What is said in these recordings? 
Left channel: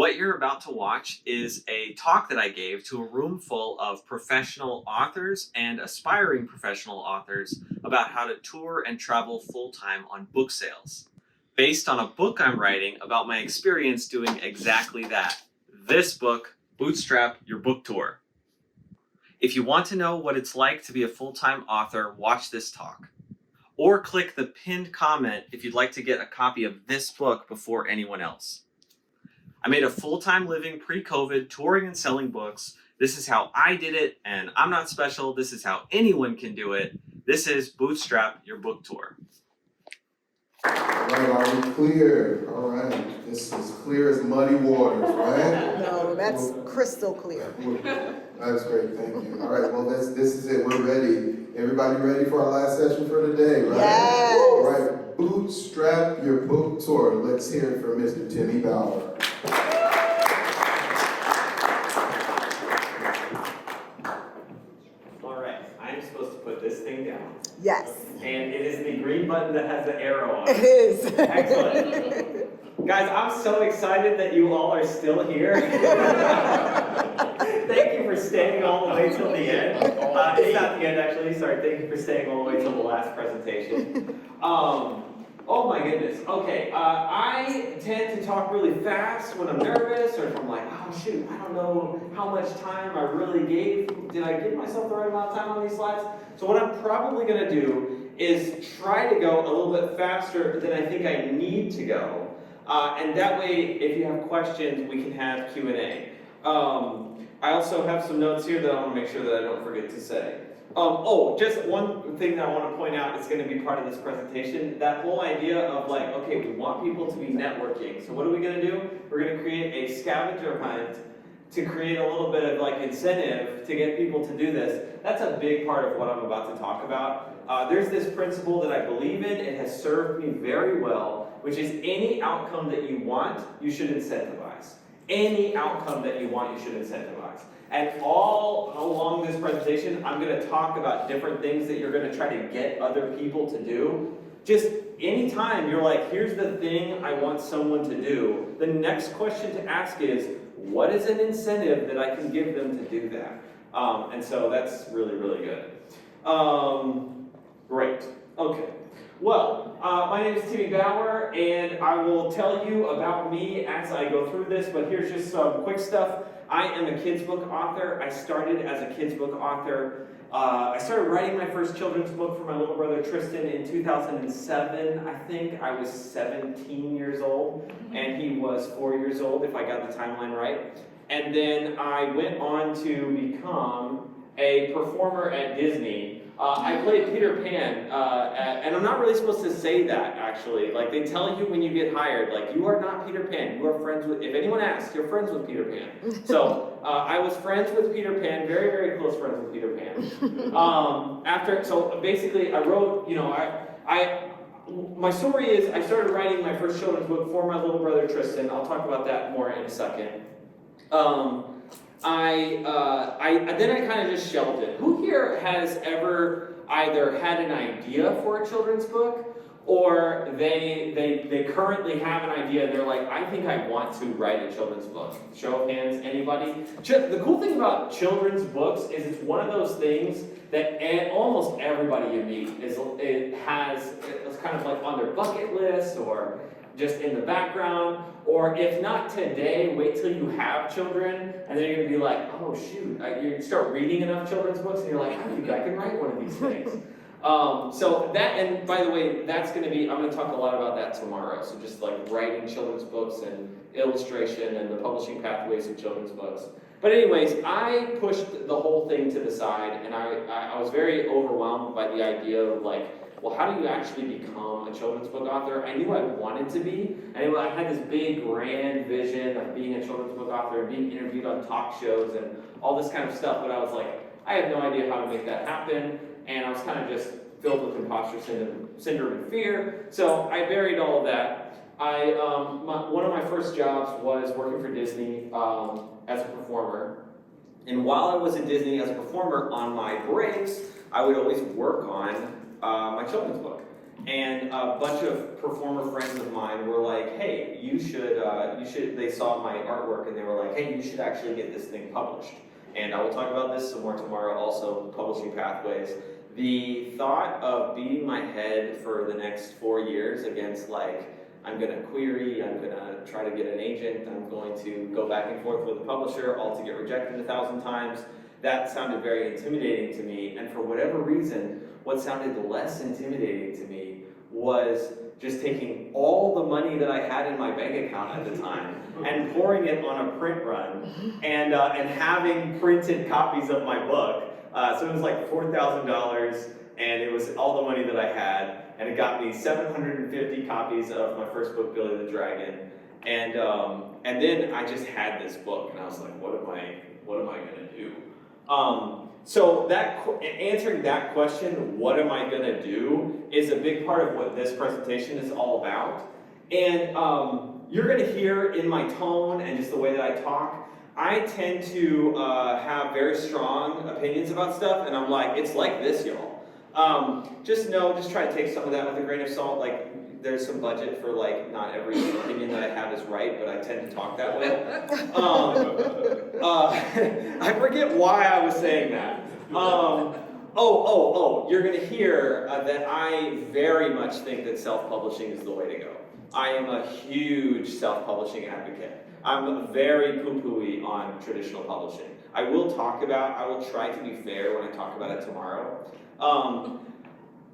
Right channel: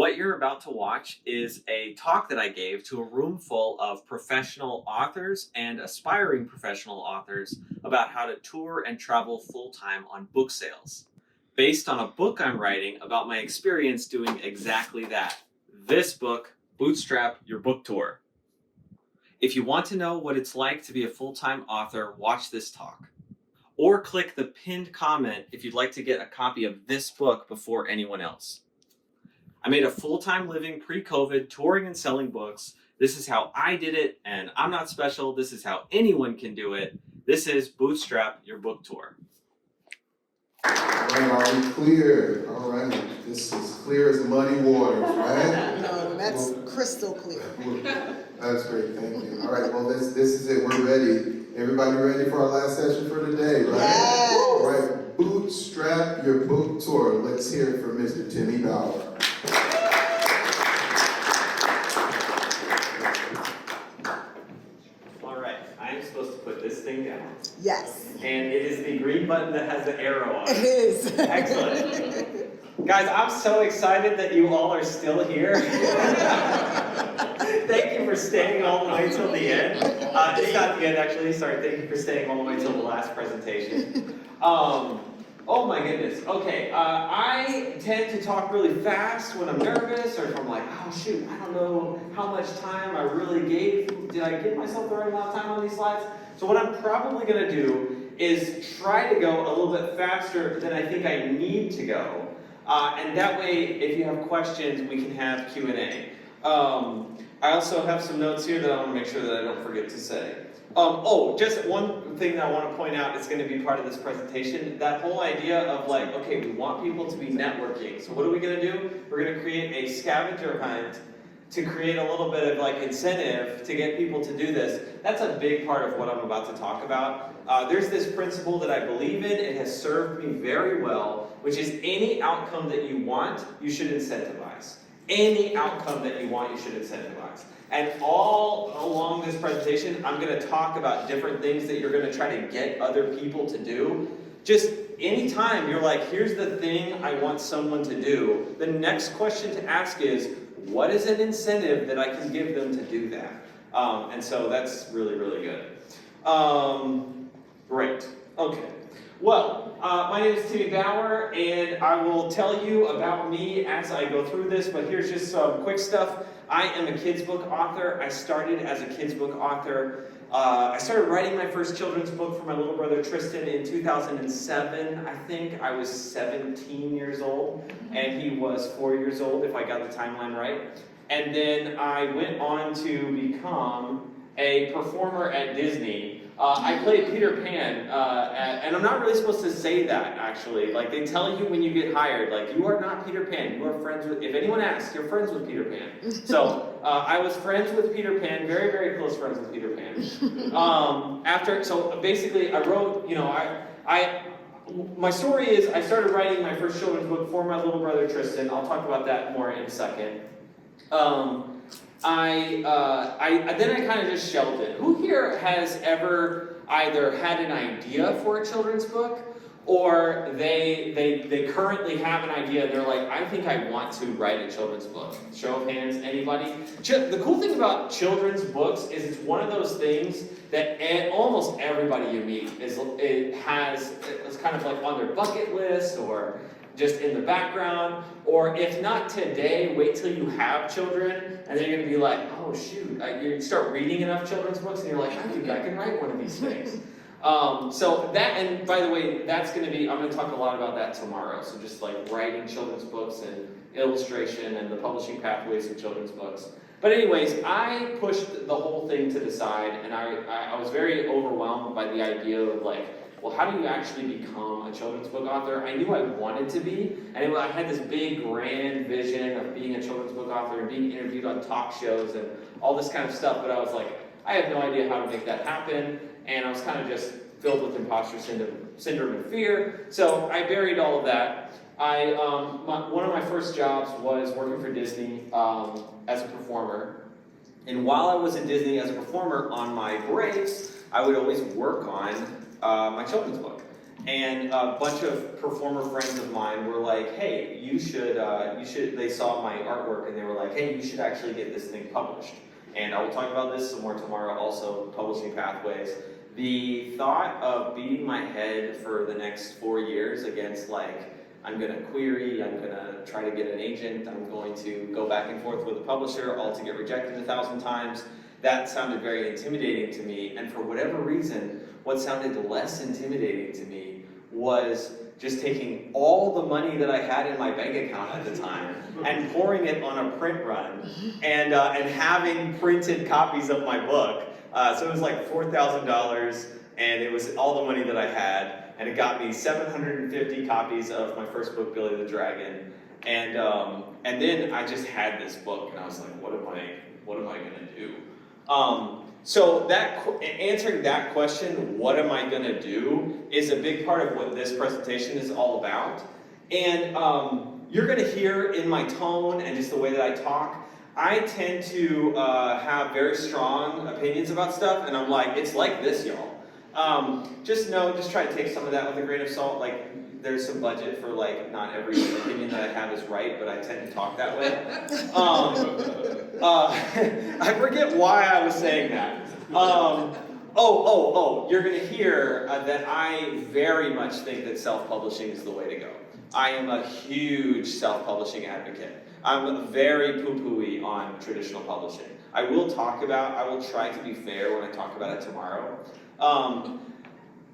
What you're about to watch is a talk that I gave to a room full of professional authors and aspiring professional authors about how to tour and travel full-time on book sales, based on a book I'm writing about my experience doing exactly that. This book, Bootstrap Your Book Tour. If you want to know what it's like to be a full-time author, watch this talk. Or click the pinned comment if you'd like to get a copy of this book before anyone else. I made a full-time living pre-COVID touring and selling books. This is how I did it, and I'm not special. This is how anyone can do it. This is Bootstrap Your Book Tour. All right, are we clear? All right, this is clear as muddy waters, right? No, that's crystal clear. That's great, thank you. All right, well, this is it. We're ready. Everybody ready for our last session for today, right? Yes. All right, Bootstrap Your Book Tour. Let's hear it from Mr. Timmy Bauer. All right, I'm supposed to put this thing down. Yes. And it is the green button that has the arrow on It it. is. Excellent. Guys, I'm so excited that you all are still here. Thank you for staying all the way till the end. It's not the end, actually. Sorry, thank you for staying all the way till the last presentation. Oh my goodness. Okay, I tend to talk really fast when I'm nervous, or if I'm like, oh shoot, I don't know how much time I really gave. Did I give myself the right amount of time on these slides? So what I'm probably going to do is try to go a little bit faster than I think I need to go. And that way, if you have questions, we can have Q&A. I also have some notes here that I want to make sure that I don't forget to say. Just one thing that I want to point out is going to be part of this presentation. That whole idea of like, okay, we want people to be networking. So what are we going to do? We're going to create a scavenger hunt to create a little bit of like incentive to get people to do this. That's a big part of what I'm about to talk about. There's this principle that I believe in. It has served me very well, which is any outcome that you want, you should incentivize. Any outcome that you want, you should incentivize. And all along this presentation, I'm going to talk about different things that you're going to try to get other people to do. Just anytime you're like, here's the thing I want someone to do, the next question to ask is, what is an incentive that I can give them to do that? And so that's really, really good. Great. Okay. Well, my name is Timmy Bauer, and I will tell you about me as I go through this, but here's just some quick stuff. I am a kids book author. I started as a kids book author. I started writing my first children's book for my little brother Tristan in 2007. I think I was 17 years old, and he was 4 years old, if I got the timeline right. And then I went on to become a performer at Disney. I played Peter Pan, and I'm not really supposed to say that, actually. Like, they tell you when you get hired, like, you are not Peter Pan, you are friends with, if anyone asks, you're friends with Peter Pan. So, I was friends with Peter Pan, very, very close friends with Peter Pan. So basically, I wrote, my story is, I started writing my first children's book for my little brother Tristan. I'll talk about that more in a second. Then I kind of just shelved it. Who here has ever either had an idea for a children's book, or they currently have an idea and they're like, I think I want to write a children's book? Show of hands, anybody? The cool thing about children's books is it's one of those things that almost everybody you meet it's kind of like on their bucket list, or just in the background, or if not today, wait till you have children, and then you're going to be like, oh shoot, you start reading enough children's books, and you're like, I think I can write one of these things. So that, and by the way, that's going to be, I'm going to talk a lot about that tomorrow, so just like writing children's books and illustration and the publishing pathways of children's books. But anyways, I pushed the whole thing to the side, and I was very overwhelmed by the idea of like, well, how do you actually become a children's book author? I knew I wanted to be, and I had this big grand vision of being a children's book author and being interviewed on talk shows and all this kind of stuff, but I was like, I have no idea how to make that happen, and I was kind of just filled with imposter syndrome and fear, so I buried all of that. One of my first jobs was working for Disney as a performer, and while I was at Disney as a performer, on my breaks, I would always work on my children's book. And a bunch of performer friends of mine were like, hey, you should, they saw my artwork and they were like, hey, you should actually get this thing published. And I will talk about this some more tomorrow also, publishing pathways. The thought of beating my head for the next 4 years against like, I'm gonna query, I'm gonna try to get an agent, I'm going to go back and forth with a publisher, all to get rejected 1,000 times, that sounded very intimidating to me. And for whatever reason, what sounded less intimidating to me was just taking all the money that I had in my bank account at the time and pouring it on a print run and having printed copies of my book. So it was like $4,000 and it was all the money that I had, and it got me 750 copies of my first book, Billy the Dragon. And then I just had this book and I was like, what am I gonna do? So answering that question, what am I gonna do, is a big part of what this presentation is all about. And you're gonna hear in my tone and just the way that I talk, I tend to have very strong opinions about stuff, and I'm like, it's like this, y'all. Just try to take some of that with a grain of salt. Like, there's some budget for like, not every opinion that I have is right, but I tend to talk that way. I forget why I was saying that. You're gonna hear that I very much think that self-publishing is the way to go. I am a huge self-publishing advocate. I'm very poo-pooey on traditional publishing. I will try to be fair when I talk about it tomorrow.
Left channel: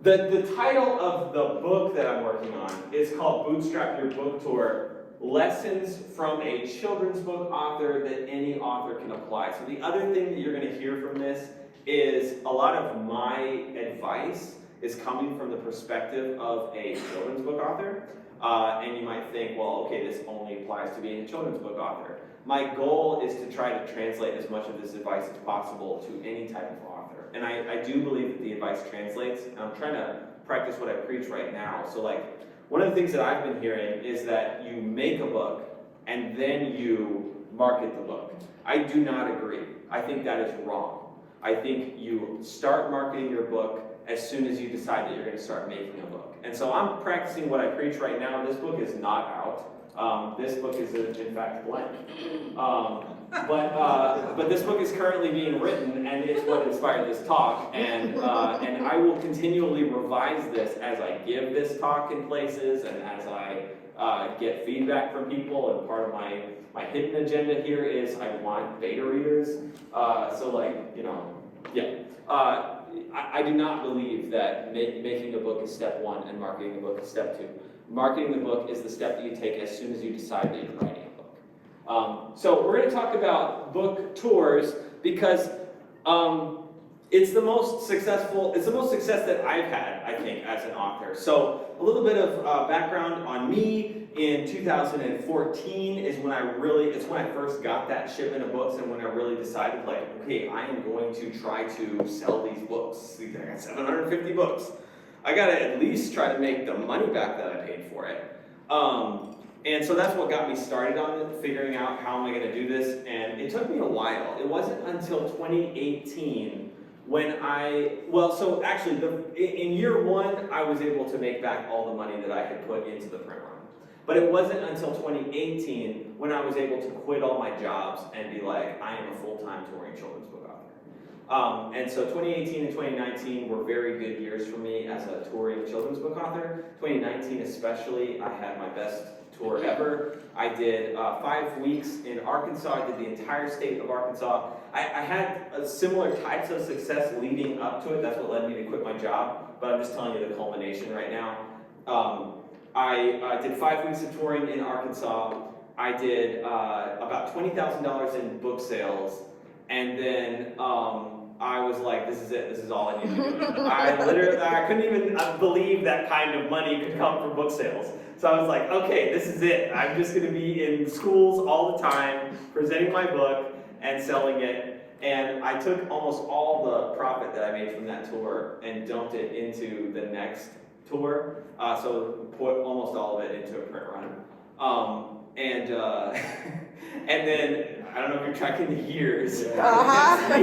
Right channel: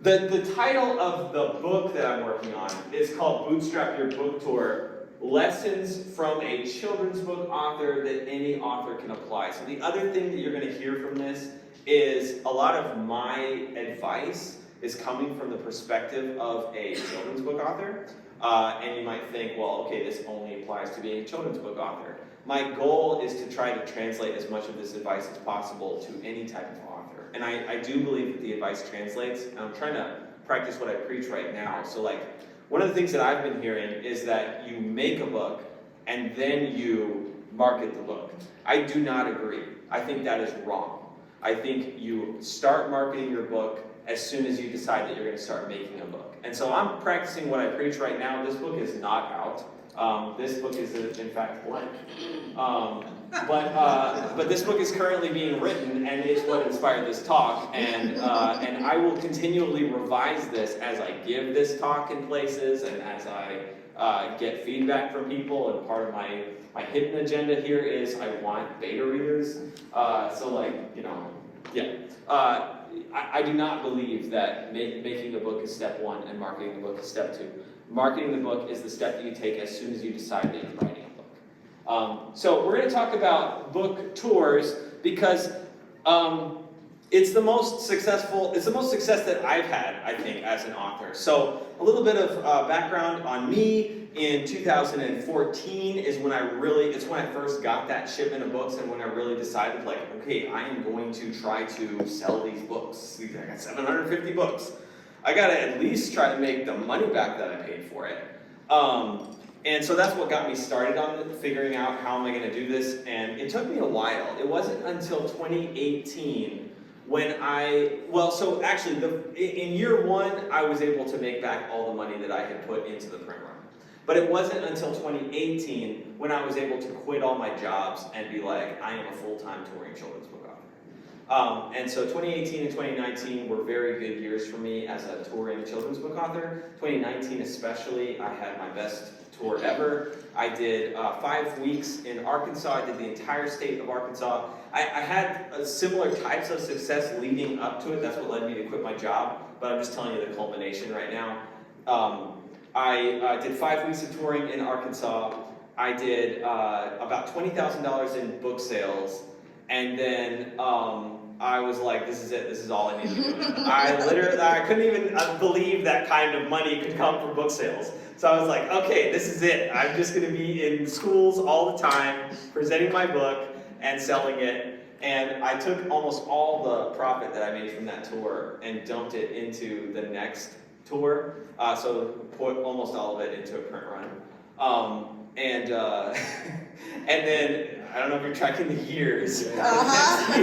The title of the book that I'm working on is called Bootstrap Your Book Tour, Lessons from a Children's Book Author that any author can apply. So the other thing that you're going to hear from this is a lot of my advice is coming from the perspective of a children's book author. And you might think, well, okay, this only applies to being a children's book author. My goal is to try to translate as much of this advice as possible to any type of author. And I do believe that the advice translates, and I'm trying to practice what I preach right now. So like, one of the things that I've been hearing is that you make a book and then you market the book. I do not agree. I think that is wrong. I think you start marketing your book as soon as you decide that you're going to start making a book. And so I'm practicing what I preach right now. This book is not out. This book is in fact blank. But this book is currently being written, and it's what inspired this talk. And I will continually revise this as I give this talk in places and as I get feedback from people. And part of my hidden agenda here is I want beta readers. I do not believe that making a book is step one and marketing the book is step two. Marketing the book is the step that you take as soon as you decide that you're writing a book. So we're going to talk about book tours because it's the most success that I've had, I think, as an author. So a little bit of background on me. In 2014 is when it's when I first got that shipment of books and when I really decided, like, okay, I am going to try to sell these books. I got 750 books. I gotta at least try to make the money back that I paid for it. And so that's what got me started on it, figuring out how am I gonna do this, and it took me a while. It wasn't until 2018 when in year one, I was able to make back all the money that I had put into the print run. But it wasn't until 2018 when I was able to quit all my jobs and be like, I am a full-time touring children's book author. And so 2018 and 2019 were very good years for me as a touring children's book author. 2019 especially, I had my best tour ever. I did 5 weeks in Arkansas. I did the entire state of Arkansas. I had similar types of success leading up to it. That's what led me to quit my job. But I'm just telling you the culmination right now. I did 5 weeks of touring in Arkansas. I did about $20,000 in book sales, and then I was like, this is it. This is all I need to do. I couldn't even believe that kind of money could come from book sales. So I was like, okay, this is it. I'm just going to be in schools all the time, presenting my book and selling it. And I took almost all the profit that I made from that tour and dumped it into the next tour. So put almost all of it into a print run. and and then I don't know if you're tracking the years. Uh-huh.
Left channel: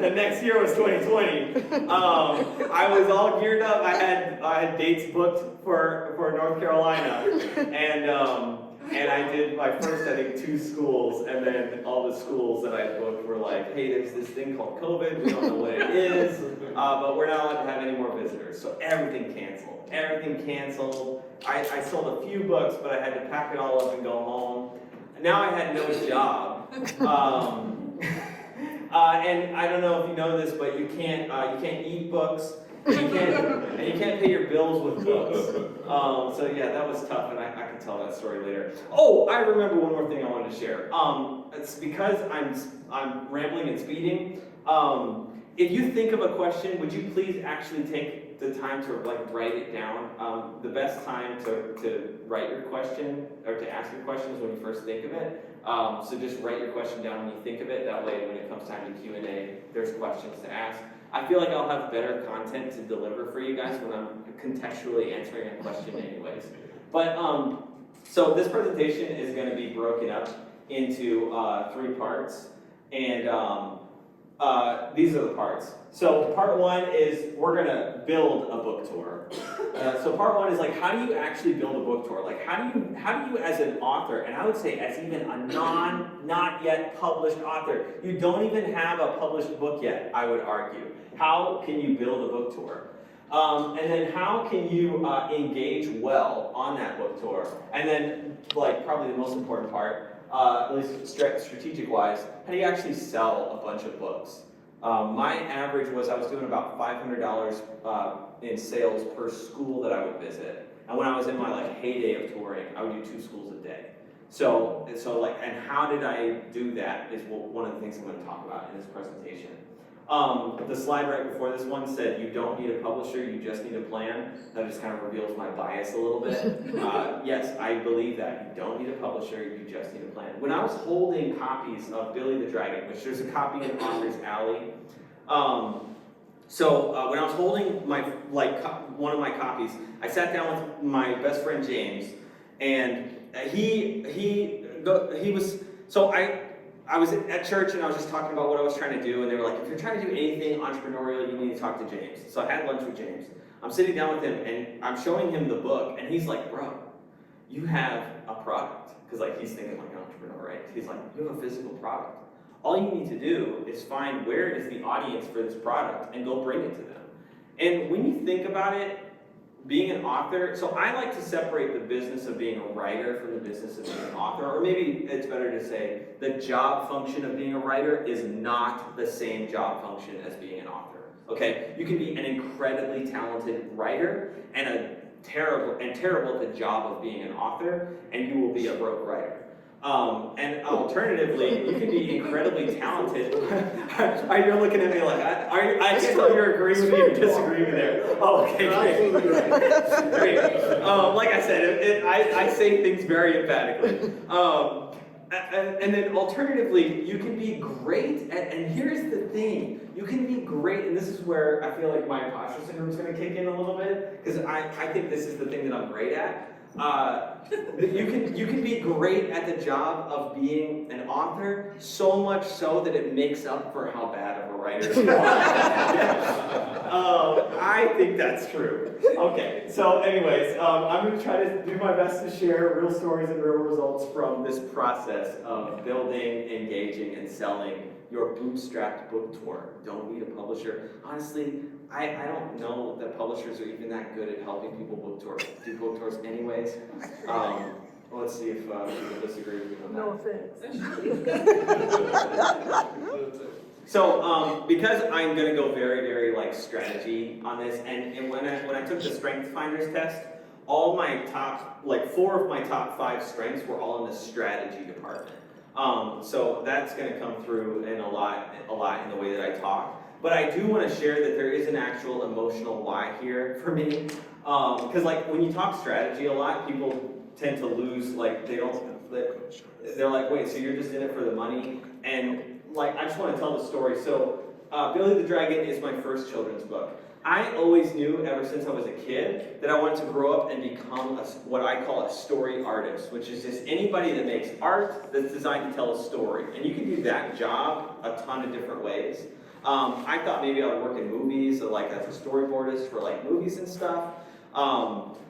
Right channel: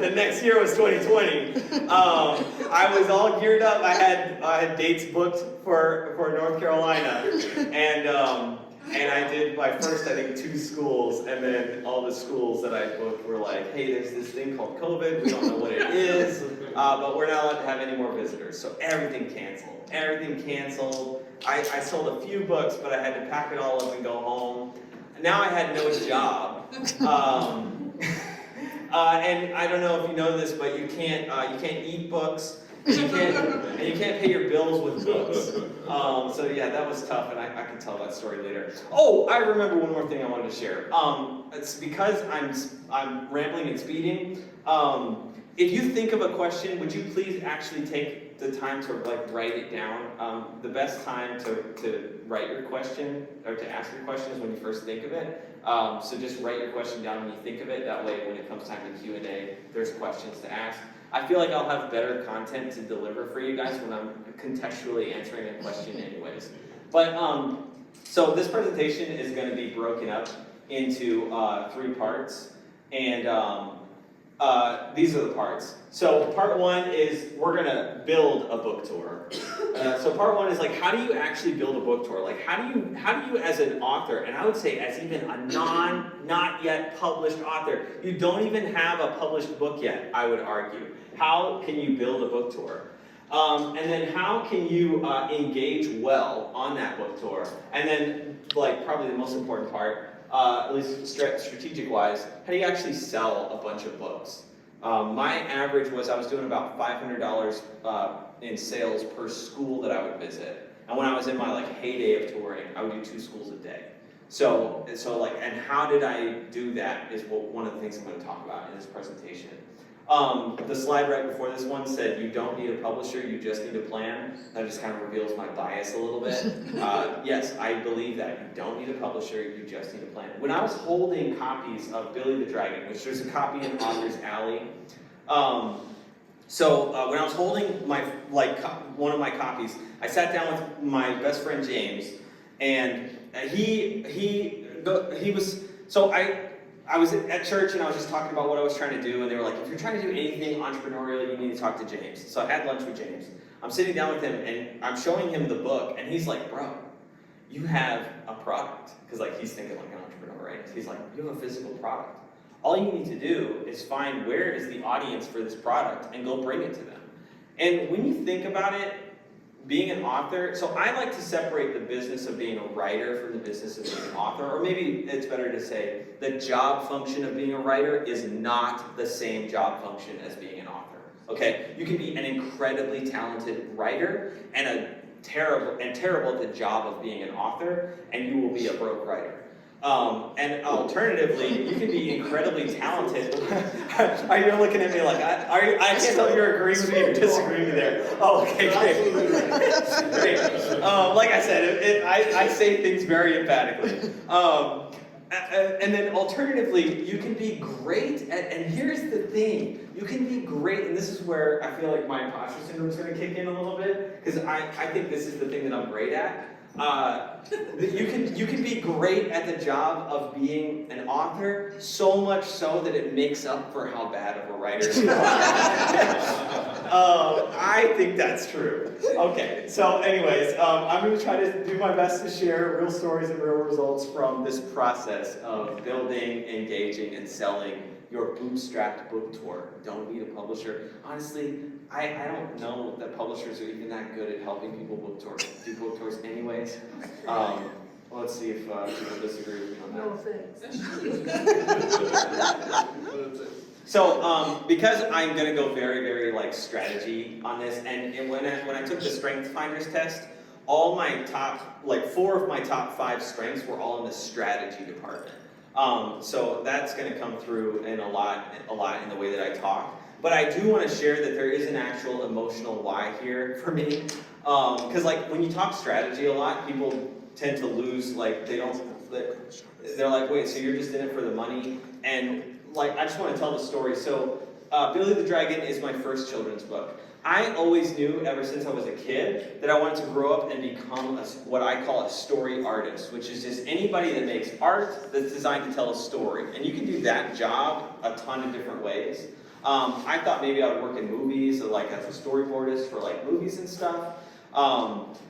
The next year was 2020. I was all geared up. I had dates booked for North Carolina, and I did my first, I think, 2 schools, and then all the schools that I booked were like, hey, there's this thing called COVID. We don't know what it is, but we're not allowed to have any more visitors. So everything canceled. Everything canceled. I sold a few books, but I had to pack it all up and go home. Now I had no job, and I don't know if you know this, but you can't eat books, and you can't pay your bills with books. So yeah, that was tough, and I can tell that story later. Oh, I remember one more thing I wanted to share. It's because I'm rambling and speeding. If you think of a question, would you please actually take the time to write it down? The best time to write your question or to ask your question is when you first think of it. So just write your question down when you think of it. That way, when it comes time to Q&A, there's questions to ask. I feel like I'll have better content to deliver for you guys when I'm contextually answering a question anyways. But so this presentation is going to be broken up into 3 parts, and these are the parts. So part 1 is we're going to build a book tour. So part 1 is like, how do you actually build a book tour? Like, how do you as an author, and I would say as even a not yet published author, you don't even have a published book yet, I would argue. How can you build a book tour? And then how can you engage well on that book tour? And then, probably the most important part, at least strategic-wise, how do you actually sell a bunch of books? My average was I was doing about $500 in sales per school that I would visit. And when I was in my heyday of touring, I would do 2 schools a day. So and how did I do that is one of the things I'm going to talk about in this presentation. The slide right before this one said, you don't need a publisher, you just need a plan. That just kind of reveals my bias a little bit. Yes, I believe that. You don't need a publisher, you just need a plan. When I was holding copies of Billy the Dragon, which there's a copy in Author's Alley, when I was holding my one of my copies, I sat down with my best friend James, and he was, so I was at church and I was just talking about what I was trying to do, and they were like, if you're trying to do anything entrepreneurial, you need to talk to James. So I had lunch with James. I'm sitting down with him and I'm showing him the book, and he's like, bro, you have a product. Because he's thinking like an entrepreneur, right? He's like, you have a physical product. All you need to do is find where is the audience for this product and go bring it to them. And when you think about it, being an author, so I like to separate the business of being a writer from the business of being an author, or maybe it's better to say the job function of being a writer is not the same job function as being an author, okay? You can be an incredibly talented writer and terrible at the job of being an author, and you will be a broke writer. And alternatively, you can be incredly talented. You're looking at me like, I can't tell if you're agreeing with me or disagreeing with me there. Oh, okay, great. Great. Like I said, I say things very emphatically. And then alternatively, you can be great at, and here's the thing, you can be great, and this is where I feel like my imposter syndrome is going to kick in a little bit, because I think this is the thing that I'm great at. You can be great at the job of being an author, so much so that it makes up for how bad of a writer you are. I think that's true. Okay, so anyways, I'm going to try to do my best to share real stories and real results from this process of building, engaging, and selling your bootstrapped book tour. Don't need a publisher. Honestly, I don't know that publishers are even that good at helping people do book tours anyways. Let's see if people disagree with me on that. No offense. So, because I'm going to go very, very strategy on this, and when I took the Strength Finders test, all my top, 4 of my top 5 strengths were all in the strategy department. So that's going to come through in a lot in the way that I talk. But I do want to share that there is an actual emotional why here for me. Because when you talk strategy a lot, people tend to lose, they're like, wait, so you're just in it for the money? And I just want to tell the story. So Billy the Dragon is my first children's book. I always knew ever since I was a kid that I wanted to grow up and become what I call a story artist, which is just anybody that makes art that's designed to tell a story. And you can do that job a ton of different ways. I thought maybe I would work in movies, so like as a storyboardist for like movies and stuff. But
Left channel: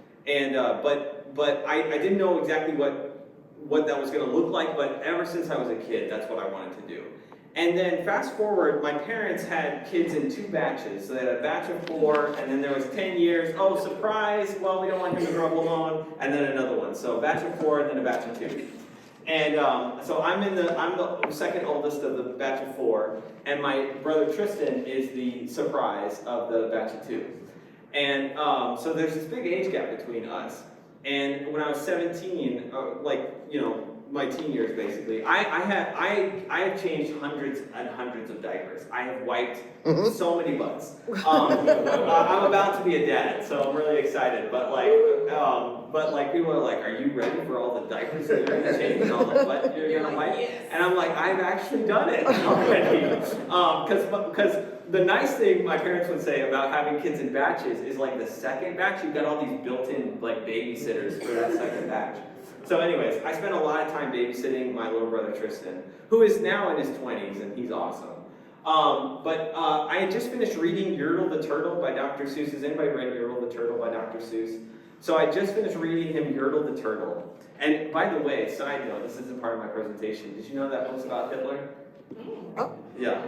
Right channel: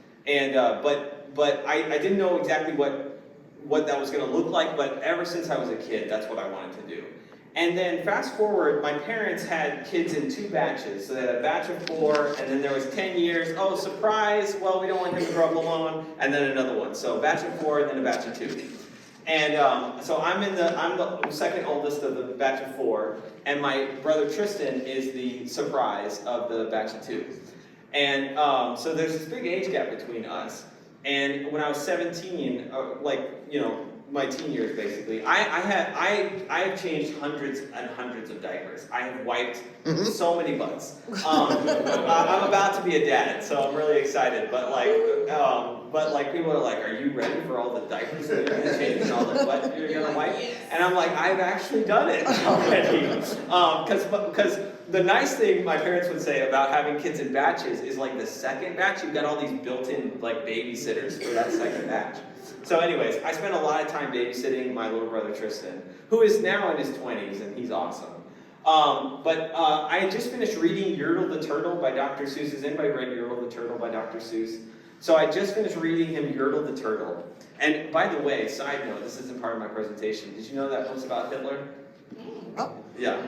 I didn't know exactly what that was going to look like, but ever since I was a kid, that's what I wanted to do. And then fast forward, my parents had kids in 2 batches. So they had a batch of 4, and then there was 10 years. Oh, surprise, well, we don't want him to grow up alone. And then another one. So a batch of 4, and then a batch of 2. And so I'm the second oldest of the batch of 4, and my brother Tristan is the surprise of the batch of 2. And so there's this big age gap between us. And when I was 17, my teen years basically, I have changed hundreds and hundreds of diapers. I have wiped so many butts. I'm about to be a dad, so I'm really excited. But people are like, "Are you ready for all the diapers that you're gonna change and all the butt you're gonna wipe?" Yes. And I'm like, "I've actually done it already." Because the nice thing my parents would say about having kids in batches is like the second batch, you've got all these built-in like babysitters for that second batch. So anyways, I spent a lot of time babysitting my little brother Tristan, who is now in his 20s, and he's awesome. I had just finished reading Yertle the Turtle by Dr. Seuss. Has anybody read Yertle the Turtle by Dr. Seuss? So I just finished reading him Yertle the Turtle. And by the way, side note, this isn't part of my presentation. Did you know that was about Hitler? Oh. Yeah,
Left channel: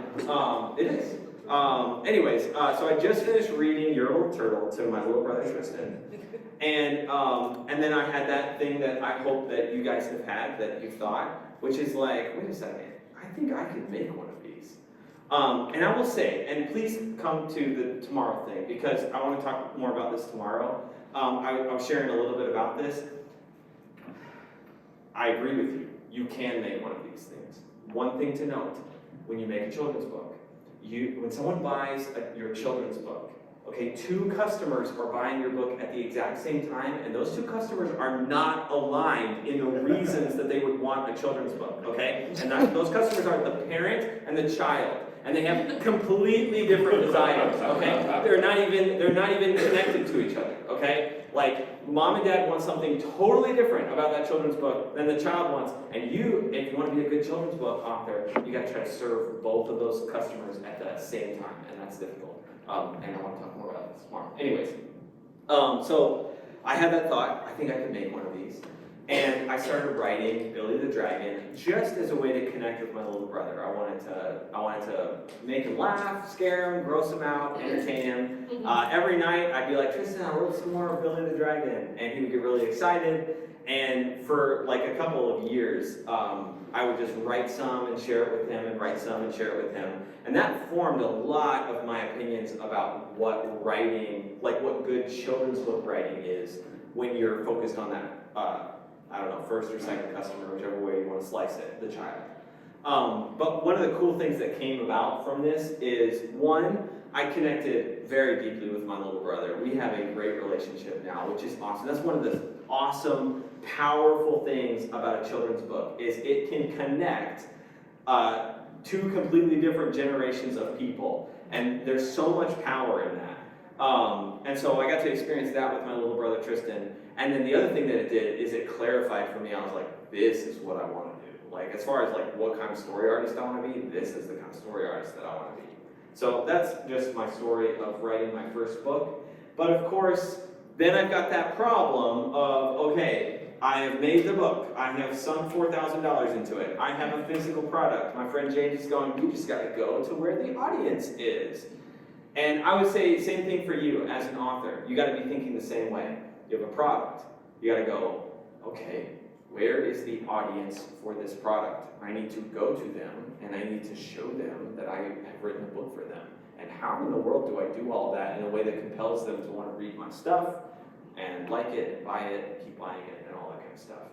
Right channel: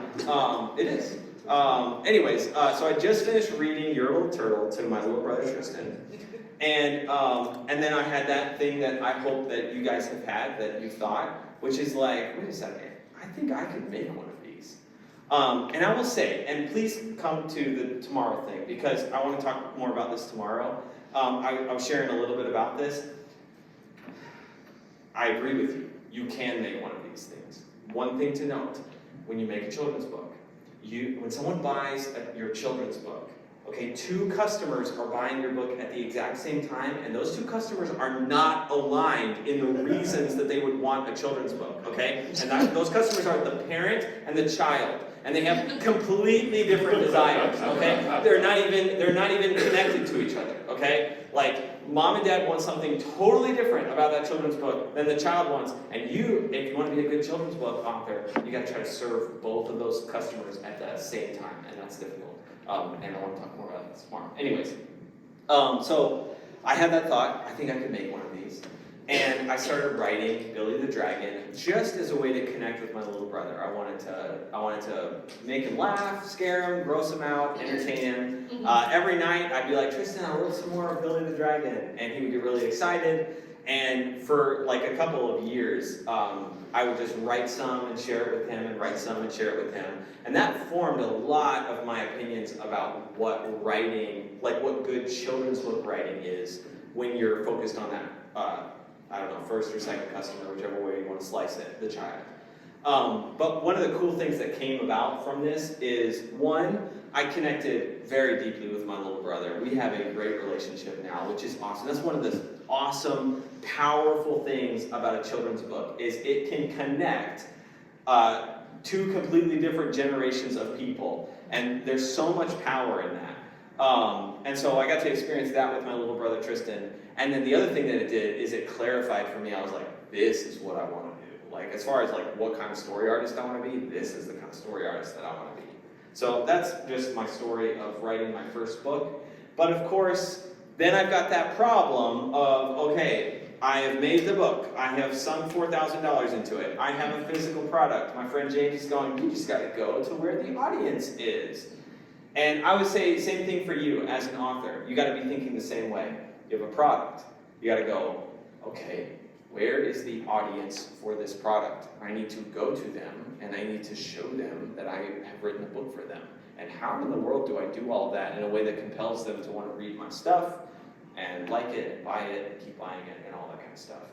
it is. So I just finished reading Yertle the Turtle to my little brother Tristan. And then I had that thing that I hope that you guys have had, that you thought, which is like, wait a second, I think I could make one of these. And I will say, and please come to the tomorrow thing, because I want to talk more about this tomorrow. I was sharing a little bit about this. I agree with you. You can make one of these things. One thing to note, when you make a children's book, when someone buys your children's book, okay, 2 customers are buying your book at the exact same time, and those 2 customers are not aligned in the reasons that they would want a children's book, okay? And those customers are the parent and the child, and they have completely different desires, okay? They're not even connected to each other, okay? Like, mom and dad want something totally different about that children's book than the child wants, and if you want to be a good children's book author, you got to try to serve both of those customers at the same time, and that's difficult. And I want to talk more about this tomorrow. Anyways, so I had that thought, I think I could make one of these. And I started writing Billy the Dragon just as a way to connect with my little brother. I wanted to make him laugh, scare him, gross him out, entertain him. Every night I'd be like, Tristan, I wrote some more of Billy the Dragon. And he would get really excited. And for like a couple of years, I would just write some and share it with him, and write some and share it with him. And that formed a lot of my opinions about what writing, like what good children's book writing is when you're focused on that, first or second customer, whichever way you want to slice it, the child. But one of the cool things that came about from this is, one, I connected very deeply with my little brother. We have a great relationship now, which is awesome. That's one of the awesome, powerful things about a children's book, is it can connect 2 completely different generations of people. And there's so much power in that. And so I got to experience that with my little brother Tristan. And then the other thing that it did is it clarified for me. I was like, this is what I want to do. Like, as far as like what kind of story artist I want to be, this is the kind of story artist that I want to be. So that's just my story of writing my first book. But of course, then I've got that problem of, okay, I have made the book. I have sunk $4,000 into it. I have a physical product. My friend James is going, you just got to go to where the audience is. And I would say same thing for you as an author. You got to be thinking the same way. You have a product. You got to go, okay, where is the audience for this product? I need to go to them, and I need to show them that I have written a book for them. And how in the world do I do all that in a way that compels them to want to read my stuff and like it and buy it and keep buying it and all that kind of stuff?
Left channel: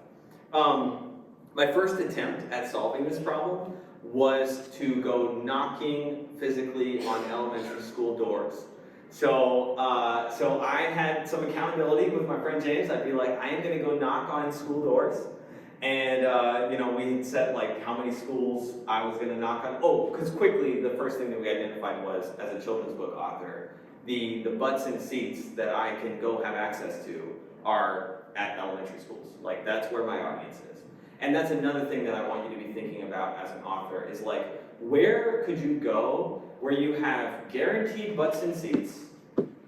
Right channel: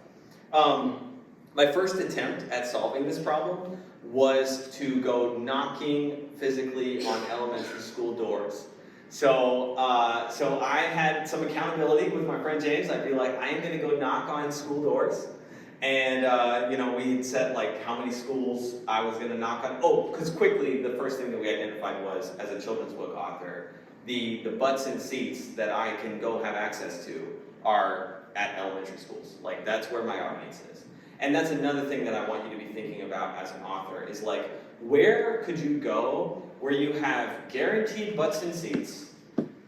My first attempt at solving this problem was to go knocking physically on elementary school doors. So I had some accountability with my friend James. I'd be like, I am going to go knock on school doors. And, we'd set like how many schools I was going to knock on. Oh, because quickly, the first thing that we identified was, as a children's book author, the butts and seats that I can go have access to are at elementary schools. Like, that's where my audience is. And that's another thing that I want you to be thinking about as an author is like, where could you go where you have guaranteed butts and seats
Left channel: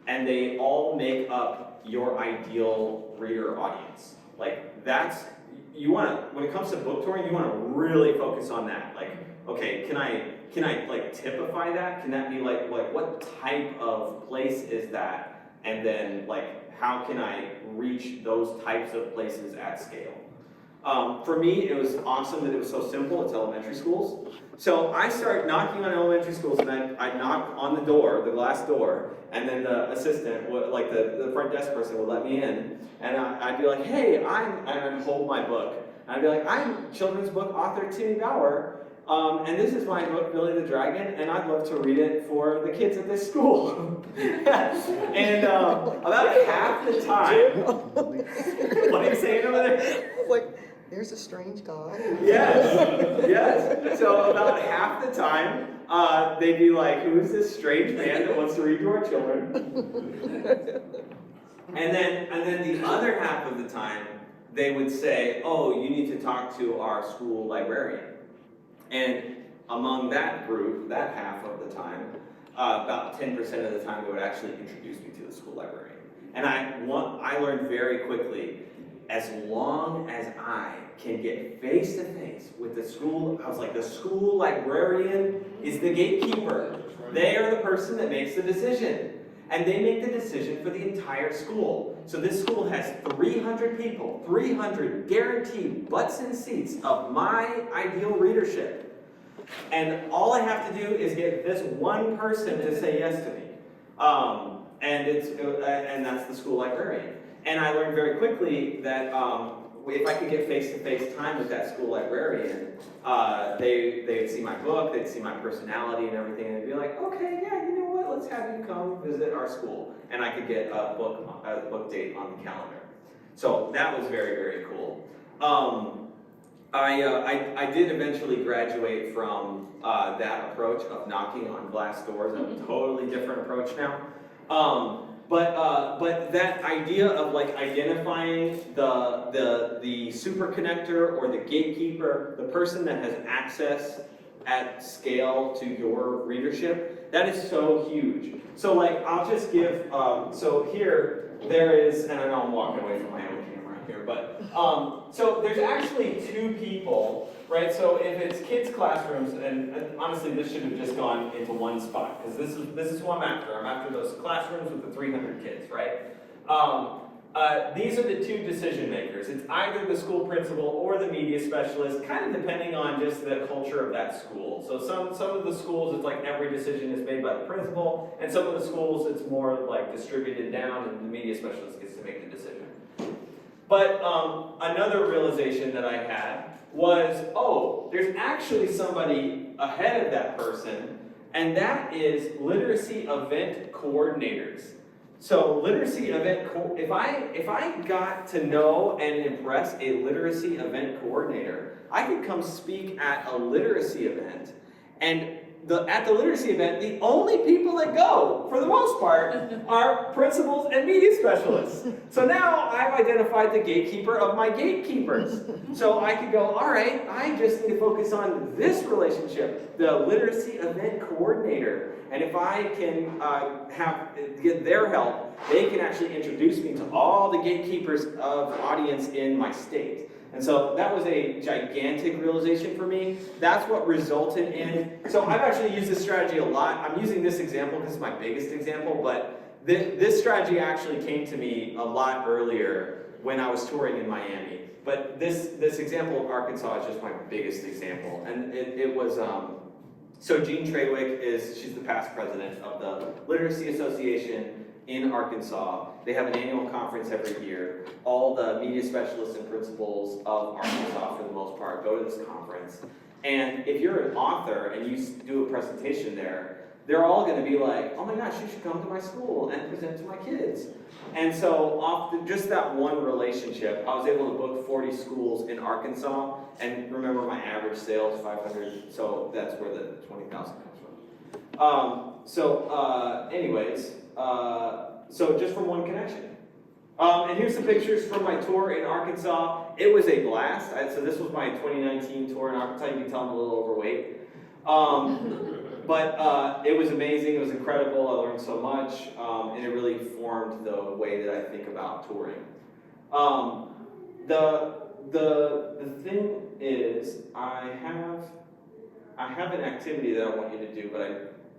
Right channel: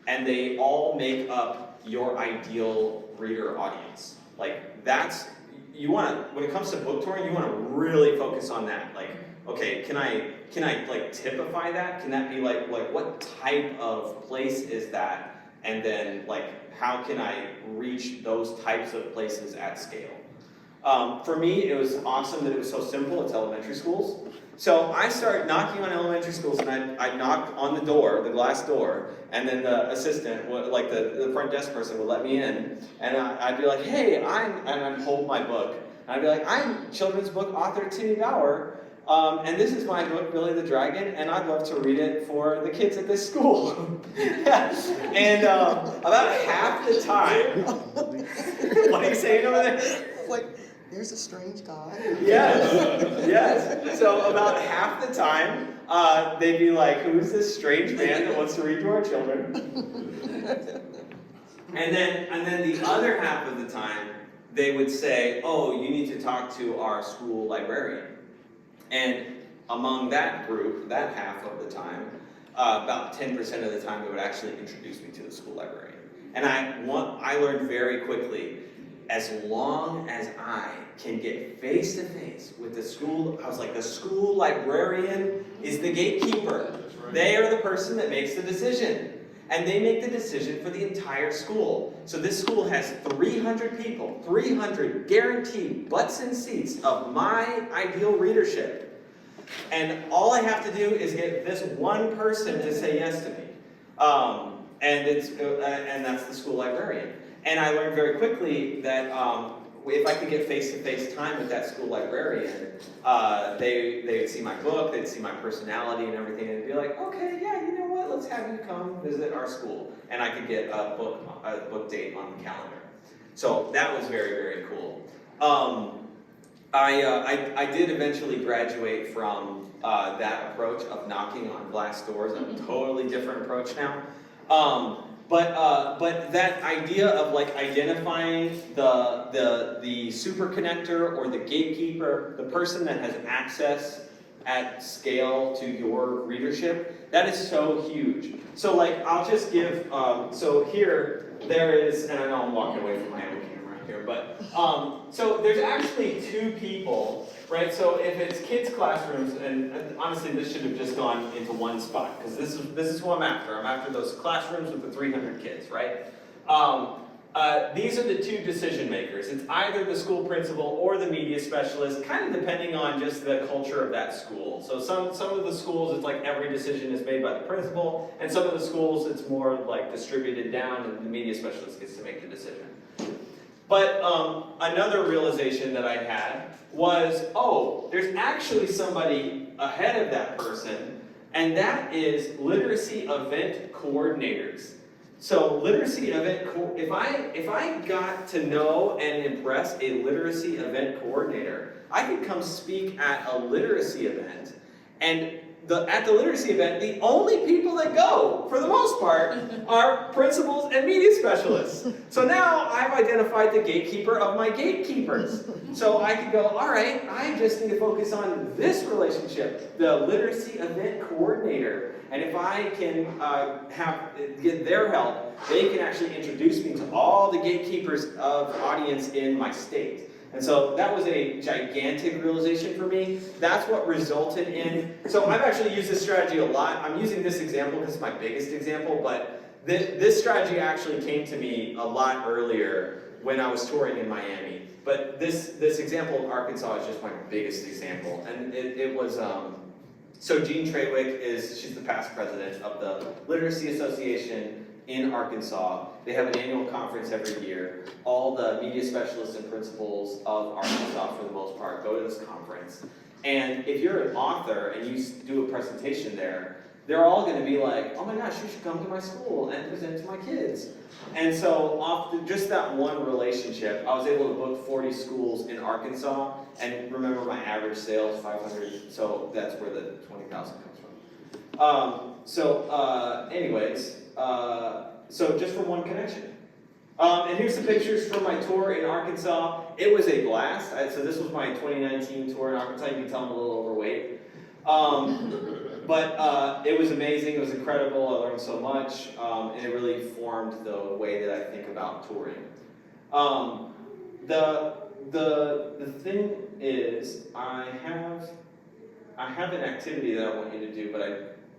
and they all make up your ideal reader audience? Like, that's, you wanna, when it comes to book touring, you wanna really focus on that. Like, okay, can I like typify that? Can that be like what type of place is that? And then like, how can I reach those types of places at scale? For me, it was awesome that it was so simple. It's elementary schools. So I started knocking on elementary schools, and I'd knock on the door, the glass door, and then the assistant, like the front desk person would let me in, and I'd be like, hey, and I'd hold my book. And I'd be like, I'm children's book author Timmy Bauer, and this is my book, Billy the Dragon, and I'd love to read it for the kids at this school. And about half the time, what are you saying over there? Like, there's a strange guy. Yes. So about half the time, they'd be like, who is this strange man that wants to read to our children? And then the other half of the time, they would say, oh, you need to talk to our school librarian. And among that group, that half of the time, about 10% of the time, they would actually introduce me to the school librarian. And I learned very quickly, as long as I can get face-to-face with the school, I was like, the school librarian is the gatekeeper. They are the person that makes the decision. And they make the decision for the entire school. So this school has 300 people, 300 guaranteed butts and seats of my ideal readership. And all I have to do is get this one person to say yes to me. And that's the school librarian. And I learned very quickly that if I could get face-to-face time with that school librarian, they'd see my book, they'd see my personality and everything, and they'd be like, okay, yeah, you know what, let's have you come visit our school. And I could get a book date on the calendar. So that was very, very cool. I did eventually graduate from that approach of knocking on glass doors. I have a totally different approach now. But that idea of like identifying the super connector or the gatekeeper, the person that has access at scale to your readership, that is so huge. So like, I'll just give, so here, there is, and I know I'm walking away from my own camera here, but, so there's actually two people, right? So if it's kids' classrooms, and honestly, this should have just gone into one spot, because this is who I'm after. I'm after those classrooms with the 300 kids, right? These are the two decision makers. It's either the school principal or the media specialist, kind of depending on just the culture of that school. So some of the schools, it's like every decision is made by the principal, and some of the schools, it's more like distributed down, and the media specialist gets to make the decision. But another realization that I had was, oh, there's actually somebody ahead of that person, and that is literacy event coordinators. So literacy event, if I got to know and impress a literacy event coordinator, I could come speak at a literacy event, and at the literacy event, the only people that go, for the most part, are principals and media specialists. So now I've identified the gatekeeper of my gatekeepers. So I could go, all right, I just need to focus on this relationship, the literacy event coordinator. And if I can get their help, they can actually introduce me to all the gatekeepers of audience in my state. And so that was a gigantic realization for me. That's what resulted in, so I've actually used this strategy a lot. I'm using this example because it's my biggest example, but this strategy actually came to me a lot earlier when I was touring in Miami. But this example of Arkansas is just my biggest example. And it was, so Jean Trawick she's the past president of the Literacy Association in Arkansas. They have an annual conference every year. All the media specialists and principals of Arkansas, for the most part, go to this conference. And if you're an author and you do a presentation there, they're all going to be like, oh my gosh, you should come to my school and present to my kids. And so off just that one relationship, I was able to book 40 schools in Arkansas. And remember, my average sales, 500, so that's where the 20,000 comes from. Anyways, so just from one connection. And here's some pictures from my tour in Arkansas. It was a blast. So this was my 2019 tour in Arkansas. You can tell I'm a little overweight. But it was amazing. It was incredible. I learned so much. And it really formed the way that I think about touring. The thing is, I have an activity that I want you to do, but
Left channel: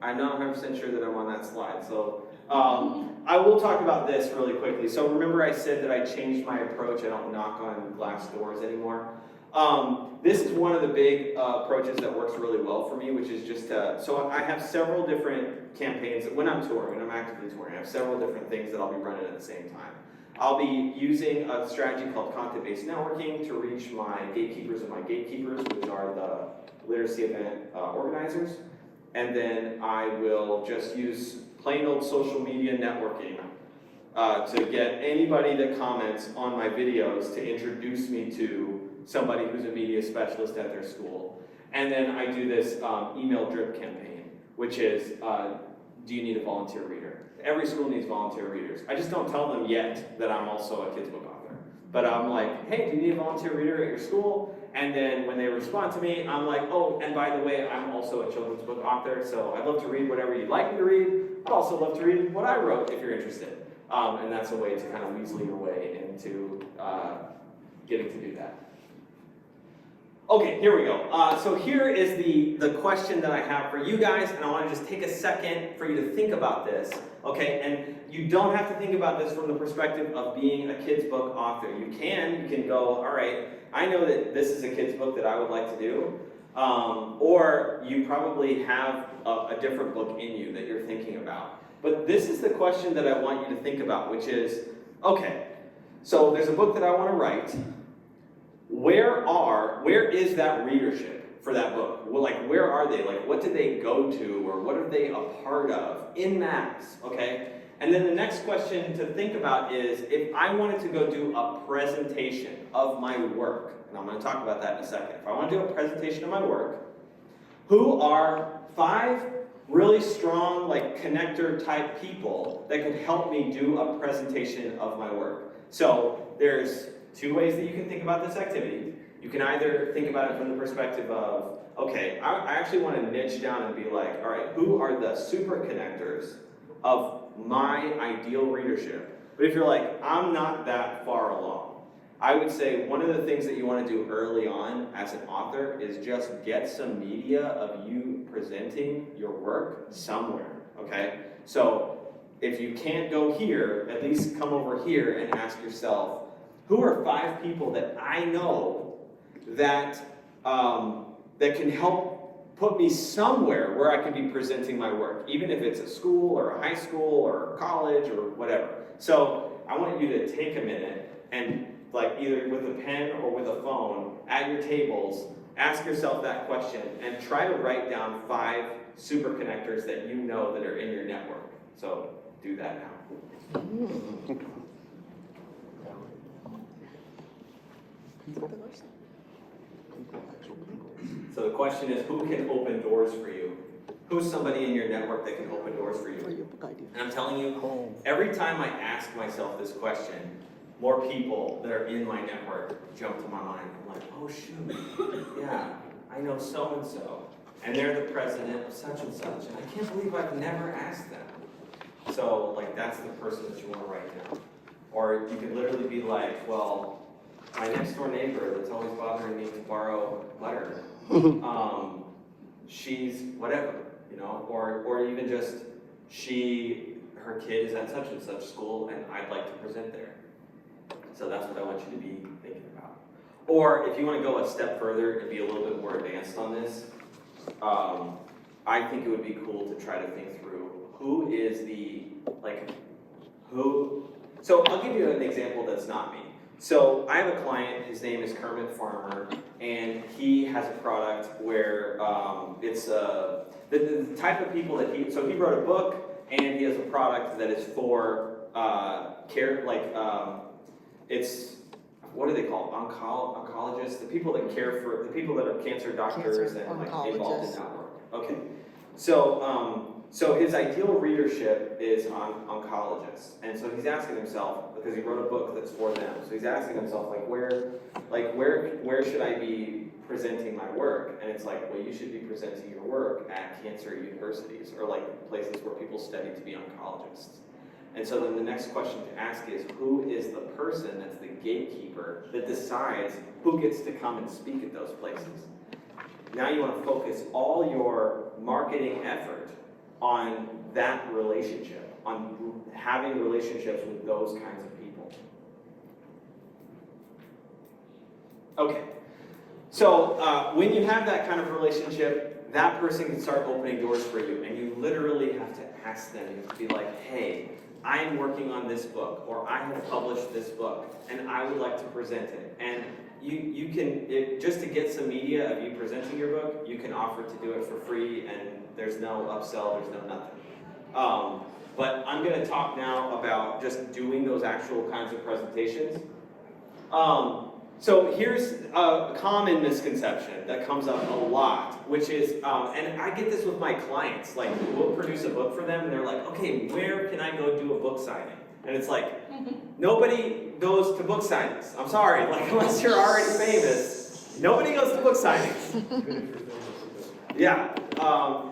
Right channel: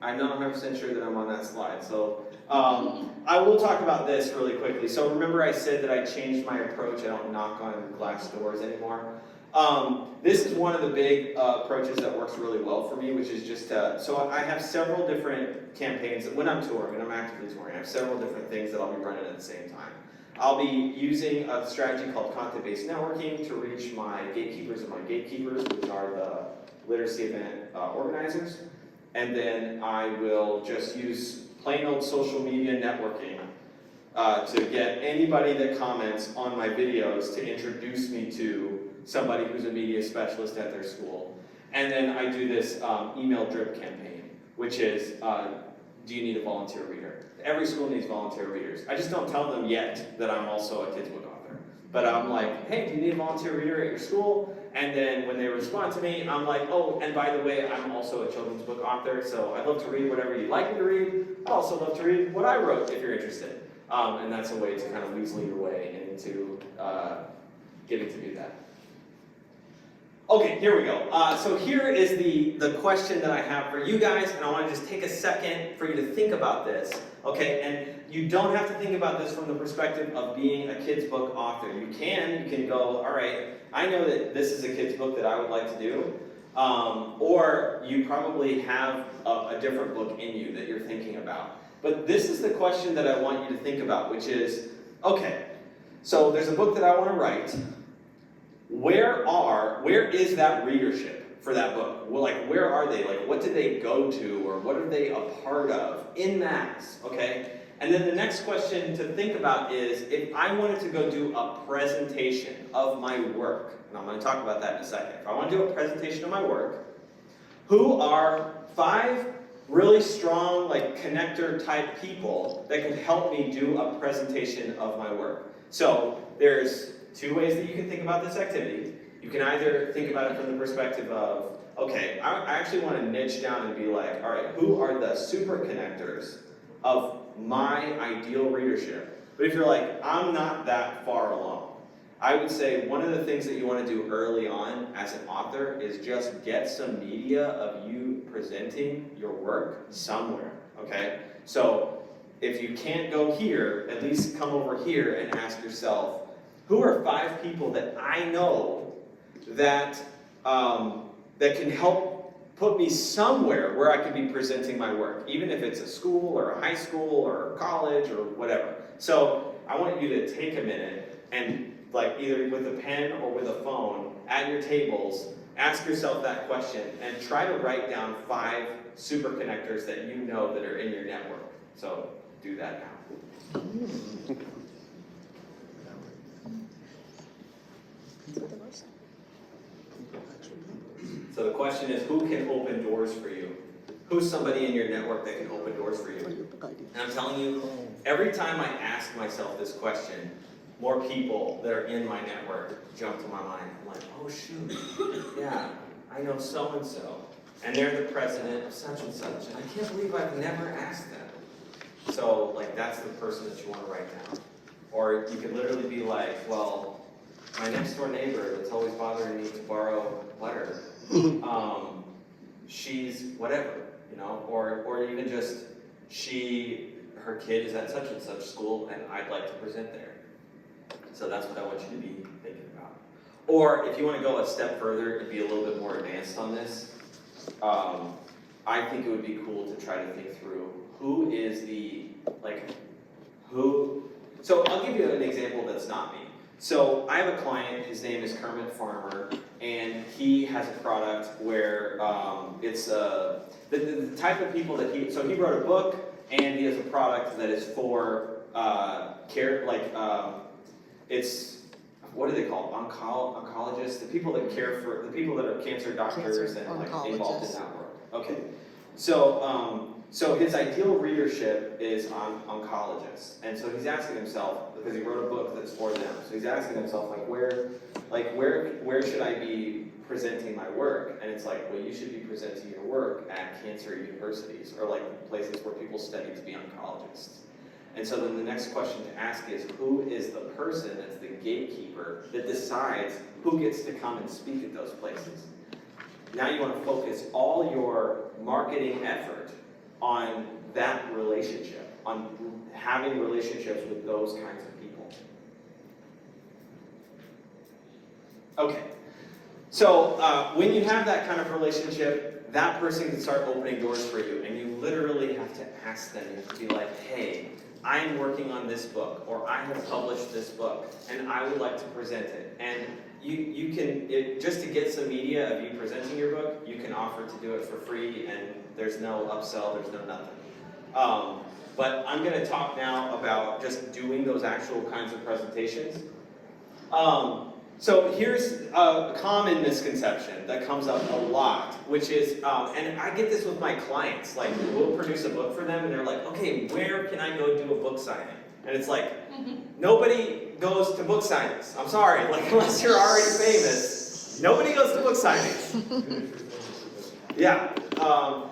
I'm not 100% sure that I'm on that slide. So I will talk about this really quickly. So remember I said that I changed my approach. I don't knock on glass doors anymore. This is one of the big approaches that works really well for me, which is just so I have several different campaigns when I'm touring, when I'm actively touring. I have several different things that I'll be running at the same time. I'll be using a strategy called content-based networking to reach my gatekeepers and my gatekeepers, which are the literacy event organizers. And then I will just use plain old social media networking to get anybody that comments on my videos to introduce me to somebody who's a media specialist at their school. And then I do this email drip campaign, which is, do you need a volunteer reader? Every school needs volunteer readers. I just don't tell them yet that I'm also a kids book author. But I'm like, hey, do you need a volunteer reader at your school? And then when they respond to me, I'm like, oh, and by the way, I'm also a children's book author, so I'd love to read whatever you'd like me to read. I'd also love to read what I wrote if you're interested. And that's a way to kind of weasel your way into getting to do that. Okay, here we go. So here is the question that I have for you guys, and I want to just take a second for you to think about this, okay? And you don't have to think about this from the perspective of being a kid's book author. You can go, all right, I know that this is a kid's book that I would like to do, or you probably have a different book in you that you're thinking about. But this is the question that I want you to think about, which is, okay, so there's a book that I want to write. Where is that readership for that book? Well, like, where are they? Like, what did they go to, or what are they a part of in mass, okay? And then the next question to think about is, if I wanted to go do a presentation of my work, and I'm going to talk about that in a second. If I want to do a presentation of my work, who are 5 really strong, like, connector type people that could help me do a presentation of my work? So there's 2 ways that you can think about this activity. You can either think about it from the perspective of, okay, I actually want to niche down and be like, all right, who are the super connectors of my ideal readership? But if you're like, I'm not that far along, I would say one of the things that you want to do early on as an author is just get some media of you presenting your work somewhere, okay? So if you can't go here, at least come over here and ask yourself, who are 5 people that I know that that can help put me somewhere where I could be presenting my work, even if it's a school or a high school or a college or whatever. So I want you to take a minute and, like, either with a pen or with a phone at your tables, ask yourself that question and try to write down 5 super connectors that you know that are in your network. So do that now. So the question is, who can open doors for you? Who's somebody in your network that can open doors for you? And I'm telling you, every time I ask myself this question, more people that are in my network jump to my mind. I'm like, oh shoot, yeah, I know so-and-so, and they're the president of such and such, and I can't believe I've never asked them. So, like, that's the person that you want to write down. Or you could literally be like, well, my next door neighbor that's always bothering me to borrow butter, she's whatever, you know, or even just her kid is at such and such school and I'd like to present there. So that's what I want you to be thinking about. Or if you want to go a step further and be a little bit more advanced on this, I think it would be cool to try to think through who is so I'll give you an example that's not me. So I have a client, his name is Kermit Farmer, and he has a product where it's the type of people that he wrote a book, and he has a product that is for it's, what do they call it? Oncologists, the people that care for, the people that are cancer doctors and like involved in that work. Okay. So his ideal readership is on oncologists, and so he's asking himself, because he wrote a book that's for them, so he's asking himself, where should I be presenting my work? And it's like, well, you should be presenting your work at cancer universities, or like places where people study to be oncologists. And so then the next question to ask is, who is the person that's the gatekeeper that decides who gets to come and speak at those places? Now you want to focus all your marketing effort on that relationship, on having relationships with those kinds of people. Okay, so when you have that kind of relationship, that person can start opening doors for you, and you literally have to ask them, you have to be like, hey, I'm working on this book, or I have published this book, and I would like to present it. And you can, just to get some media of you presenting your book, you can offer to do it for free, and there's no upsell, there's no nothing. But I'm going to talk now about just doing those actual kinds of presentations. So here's a common misconception that comes up a lot, which is, and I get this with my clients, like we'll produce a book for them and they're like, okay, where can I go do a book signing? And it's like, nobody goes to book signings. I'm sorry, like unless you're already famous, nobody goes to book signings. Yeah,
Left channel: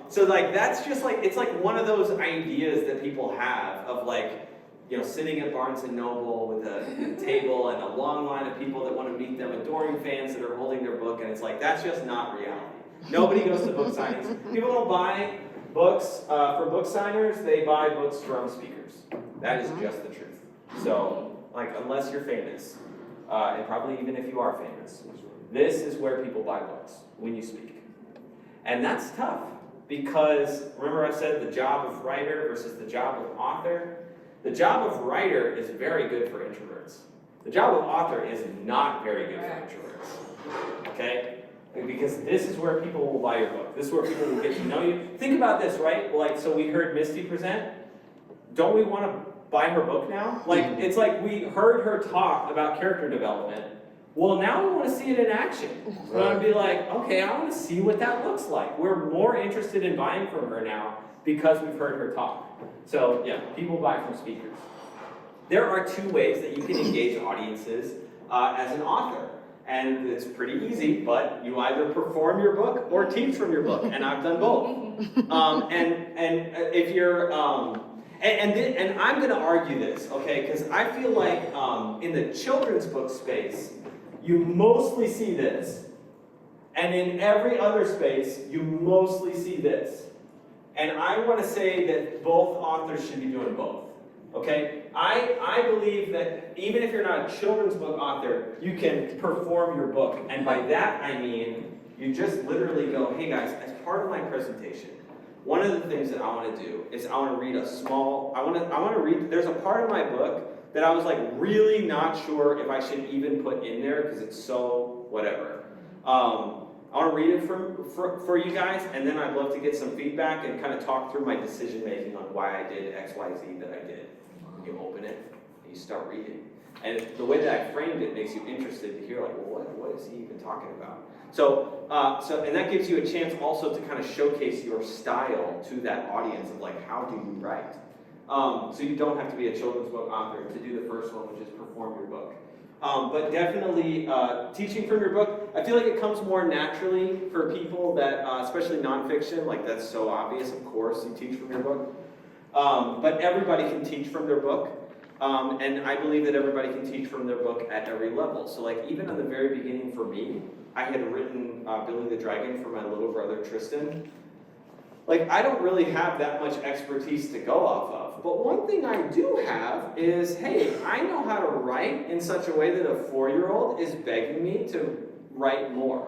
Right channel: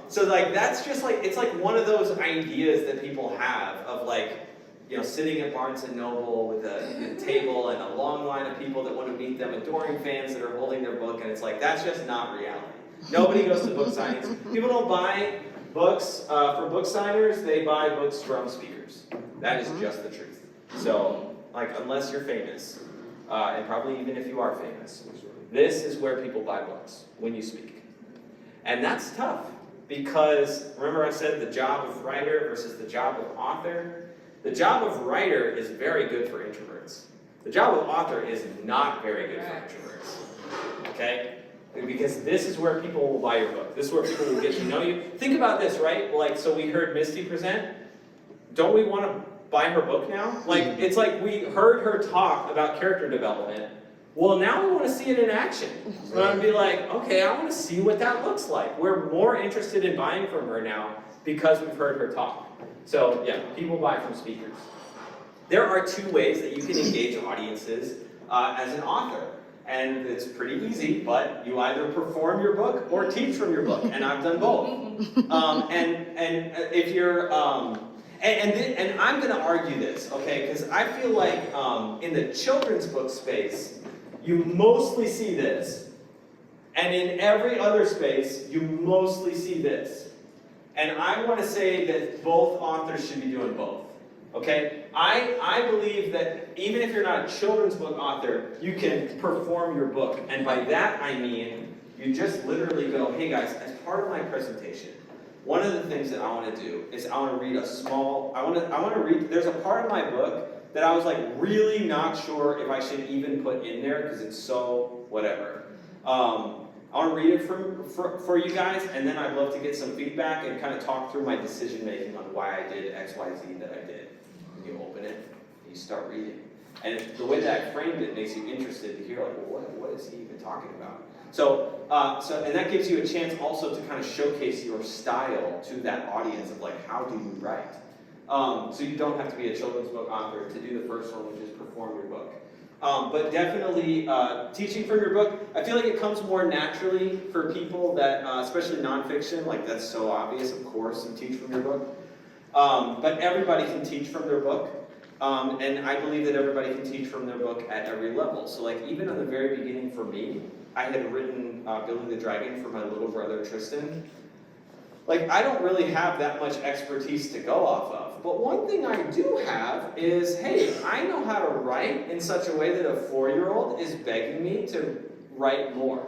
so like that's just like, it's like one of those ideas that people have of like, you know, sitting at Barnes & Noble with a table and a long line of people that want to meet them, adoring fans that are holding their book, and it's like, that's just not reality. Nobody goes to book signings. People don't buy books for book signers, they buy books from speakers. That is just the truth. So, like, unless you're famous, and probably even if you are famous, this is where people buy books, when you speak. And that's tough, because remember I said the job of writer versus the job of author? The job of writer is very good for introverts. The job of author is not very good for introverts. Okay? Because this is where people will buy your book. This is where people will get to know you. Think about this, right? Like, so we heard Misty present. Don't we want to buy her book now? Like, it's like we heard her talk about character development. Well, now we want to see it in action. We want to be like, okay, I want to see what that looks like. We're more interested in buying from her now because we've heard her talk. So, yeah, people buy from speakers. There are two ways that you can engage audiences as an author. And it's pretty easy, but you either perform your book or teach from your book. And I've done both. If you're, and I'm going to argue this, okay? Because I feel like in the children's book space, you mostly see this. And in every other space, you mostly see this. And I want to say that both authors should be doing both, okay? I believe that even if you're not a children's book author, you can perform your book. And by that I mean, you just literally go, hey guys, as part of my presentation, one of the things that I want to do is I want to read I want to read, there's a part of my book that I was like really not sure if I should even put in there because it's so whatever. I want to read it for you guys, and then I'd love to get some feedback and kind of talk through my decision making on why I did X, Y, Z that I did. You open it, and you start reading. And the way that I framed it makes you interested to hear, like, well, what is he even talking about? So and that gives you a chance also to kind of showcase your style to that audience of like, how do you write? So you don't have to be a children's book author to do the first one, which is perform your book. But definitely teaching from your book, I feel like it comes more naturally for people that, especially nonfiction, like that's so obvious, of course, you teach from your book. But everybody can teach from their book. And I believe that everybody can teach from their book at every level. So like even at the very beginning for me, I had written Billy the Dragon for my little brother Tristan. Like, I don't really have that much expertise to go off of. But one thing I do have is, hey, I know how to write in such a way that a 4-year-old is begging me to write more.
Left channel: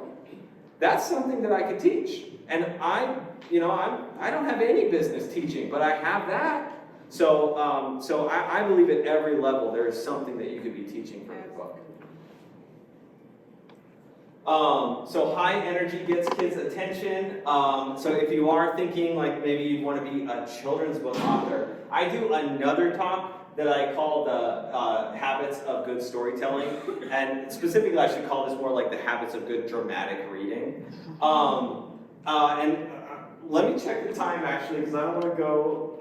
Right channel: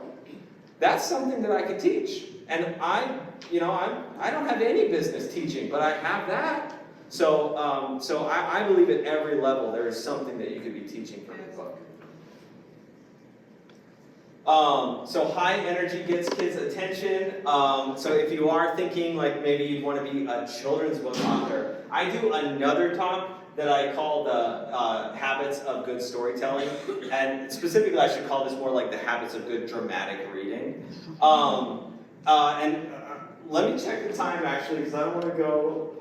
That's something that I could teach. And I don't have any business teaching, but I have that. So I believe at every level there is something that you could be teaching from your book. So high energy gets kids' attention. So if you are thinking like maybe you want to be a children's book author, I do another talk that I call the habits of good storytelling. And specifically I should call this more like the habits of good dramatic reading. And Let me check the time actually, because I don't want to go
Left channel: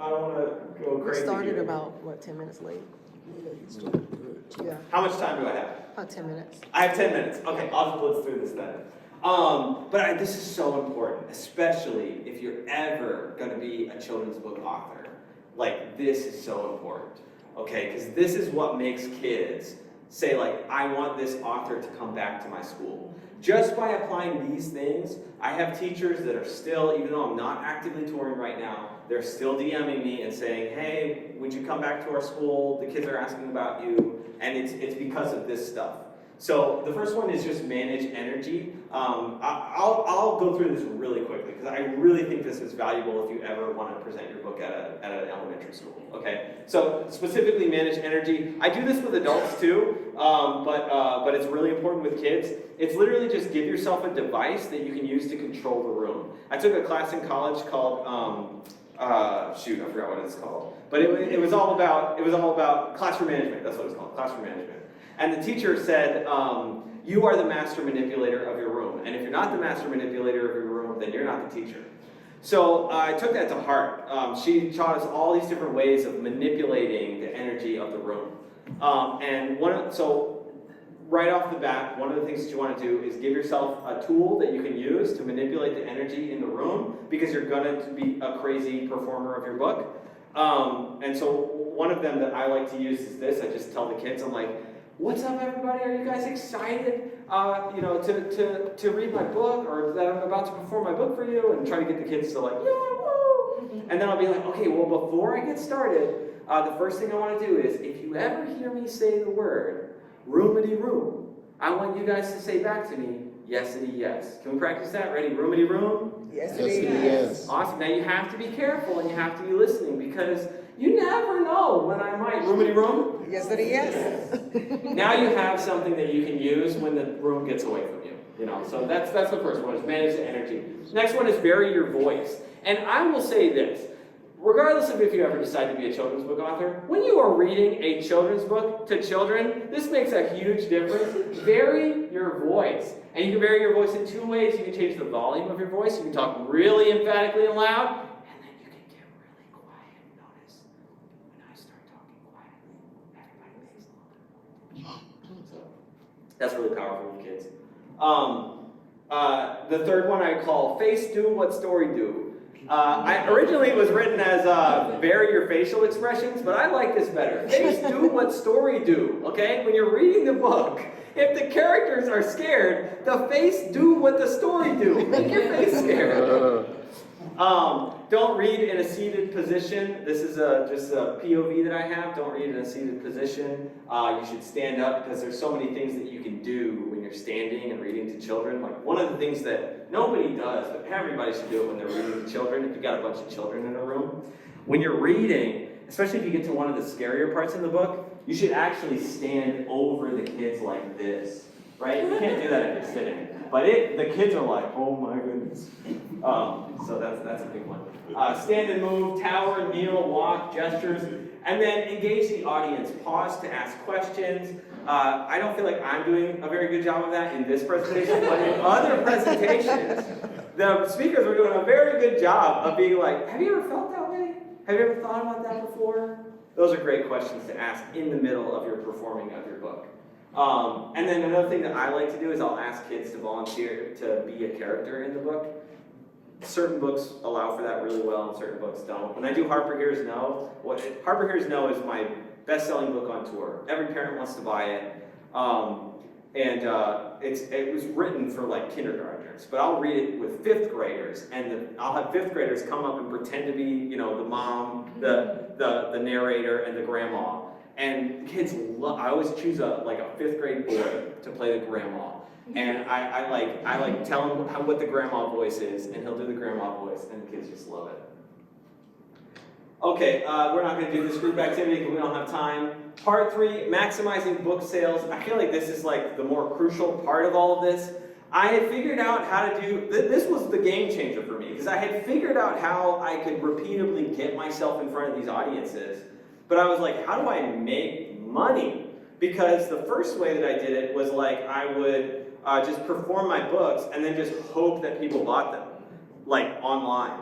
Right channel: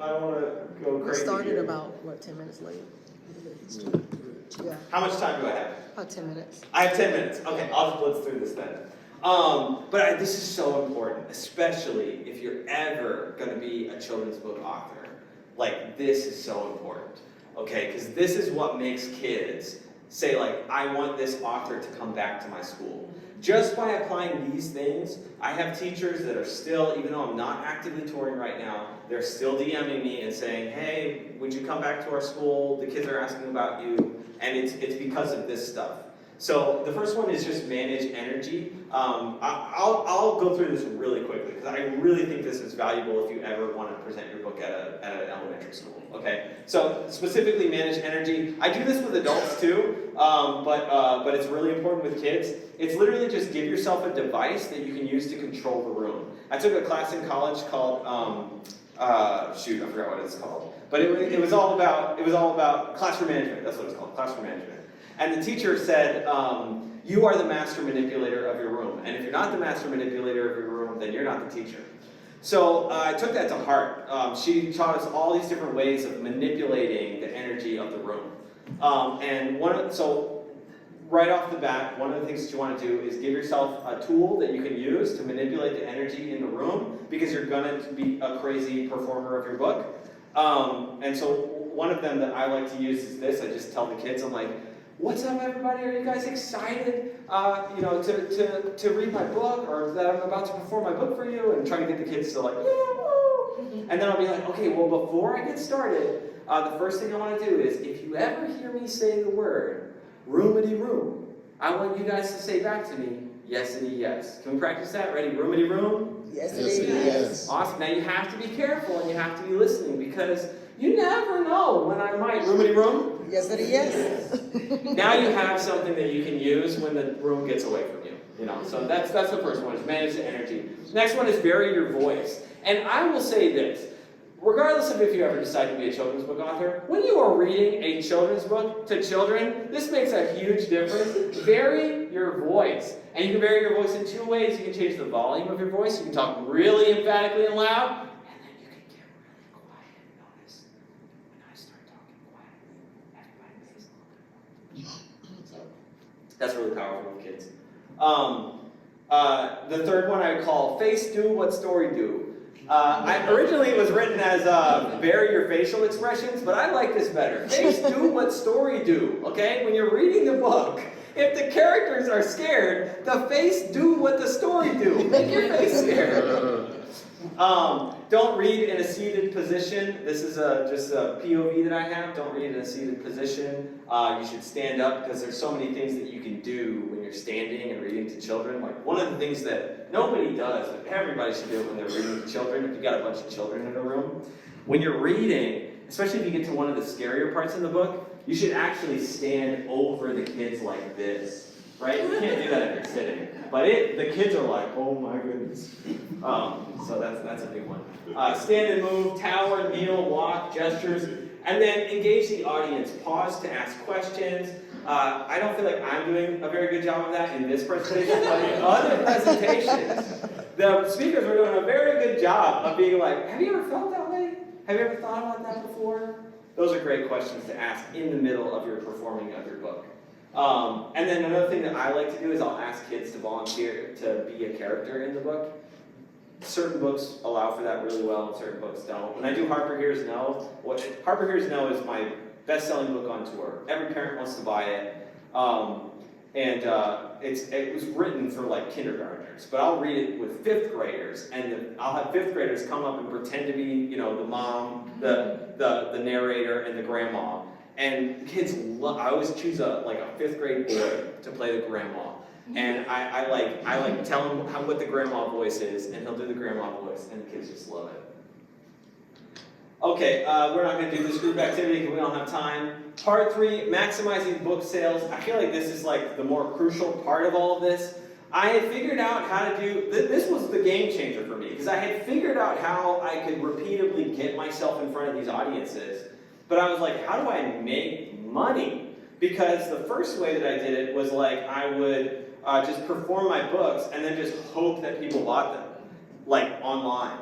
We crazy started here. about, what, 10 minutes late? Yeah, How much time do I have? about 10 minutes. I have 10 minutes. Okay, I'll just blitz through this then. This is so important, especially if you're ever going to be a children's book author. Like, this is so important, okay? Because this is what makes kids say, like, I want this author to come back to my school. Just by applying these things, I have teachers that are still, even though I'm not actively touring right now, they're still DMing me and saying, hey, would you come back to our school? The kids are asking about you. And it's because of this stuff. So the first one is just manage energy. I'll go through this really quickly because I really think this is valuable if you ever want to present your book at an elementary school. Okay, so specifically manage energy. I do this with adults too, but it's really important with kids. It's literally just give yourself a device that you can use to control the room. I took a class in college called I forgot what it's called, but it was all about classroom management. That's what it's called, classroom management. And the teacher said, you are the master manipulator of your room. And if you're not the master manipulator of your room, then you're not the teacher. So I took that to heart. She taught us all these different ways of manipulating the energy of the room. So right off the bat, one of the things that you want to do is give yourself a tool that you can use to manipulate the energy in the room because you're going to be a crazy performer of your book. And so one of them that I like to use is this. I just tell the kids, I'm like, what's up, everybody? Are you guys excited, to read my book, or that I'm about to perform my book for you? And try to get the kids to like, yeah, woo! And then I'll be like, okay, well, before I get started, the first thing I want to do is, if you ever hear me say the word roomity room, I want you guys to say back to me, yesity yes. Can we practice that? Ready? Roomity room? Yes, Yes. Awesome. Now you have to be careful and you have to be listening because you never know when I might roomity room. Yes, yes. Now you have something that you can use when the room gets away from you. So that's the first one, is manage the energy. Next one is vary your voice. And I will say this, regardless of if you ever decide to be a children's book author, when you are reading a children's book to children, this makes a huge difference. Vary your voice. And you can vary your voice in two ways. You can change the volume of your voice. You can talk really emphatically and loud. And then you can get really quiet. Notice, when I start talking quietly, everybody pays a little bit more. So that's really powerful with kids. The third one I call face do what story do. Originally it was written as vary your facial expressions, but I like this better. Face do what story do, okay? When you're reading the book, if the characters are scared, the face do what the story do. Make your face scared. Don't read in a seated position. This is just a POV that I have. Don't read in a seated position. You should stand up because there's so many things that you can do when you're standing and reading to children. Like one of the things that nobody does, but everybody should do it when they're reading to children, if you've got a bunch of children in a room. When you're reading, especially if you get to one of the scarier parts in the book, you should actually stand over the kids like this. Right? You can't do that if you're sitting. But the kids are like, oh my goodness. So that's a big one. Stand and move, tower, kneel, walk, gestures, and then engage the audience. Pause to ask questions. I don't feel like I'm doing a very good job of that in this presentation, but in other presentations, the speakers were doing a very good job of being like, have you ever felt that way? Have you ever thought about that before? Those are great questions to ask in the middle of your performing of your book. And then another thing that I like to do is I'll ask kids to volunteer to be a character in the book. Certain books allow for that really well, and certain books don't. When I do Harper Hears No, Harper Hears No is my best-selling book on tour. Every parent wants to buy it. It was written for like kindergartners, but I'll read it with fifth graders, and I'll have fifth graders come up and pretend to be, the mom, the narrator, and the grandma. And kids I always choose a fifth grade boy to play the grandma. And I like tell him what the grandma voice is, and he'll do the grandma voice, and the kids just love it. Okay, we're not going to do this group activity because we don't have time. Part 3, maximizing book sales. I feel like this is like the more crucial part of all of this. I had figured out how to do, this was the game changer for me, because I had figured out how I could repeatedly get myself in front of these audiences. But I was like, how do I make money? Because the first way that I did it was like I would just perform my books and then just hope that people bought them, like online.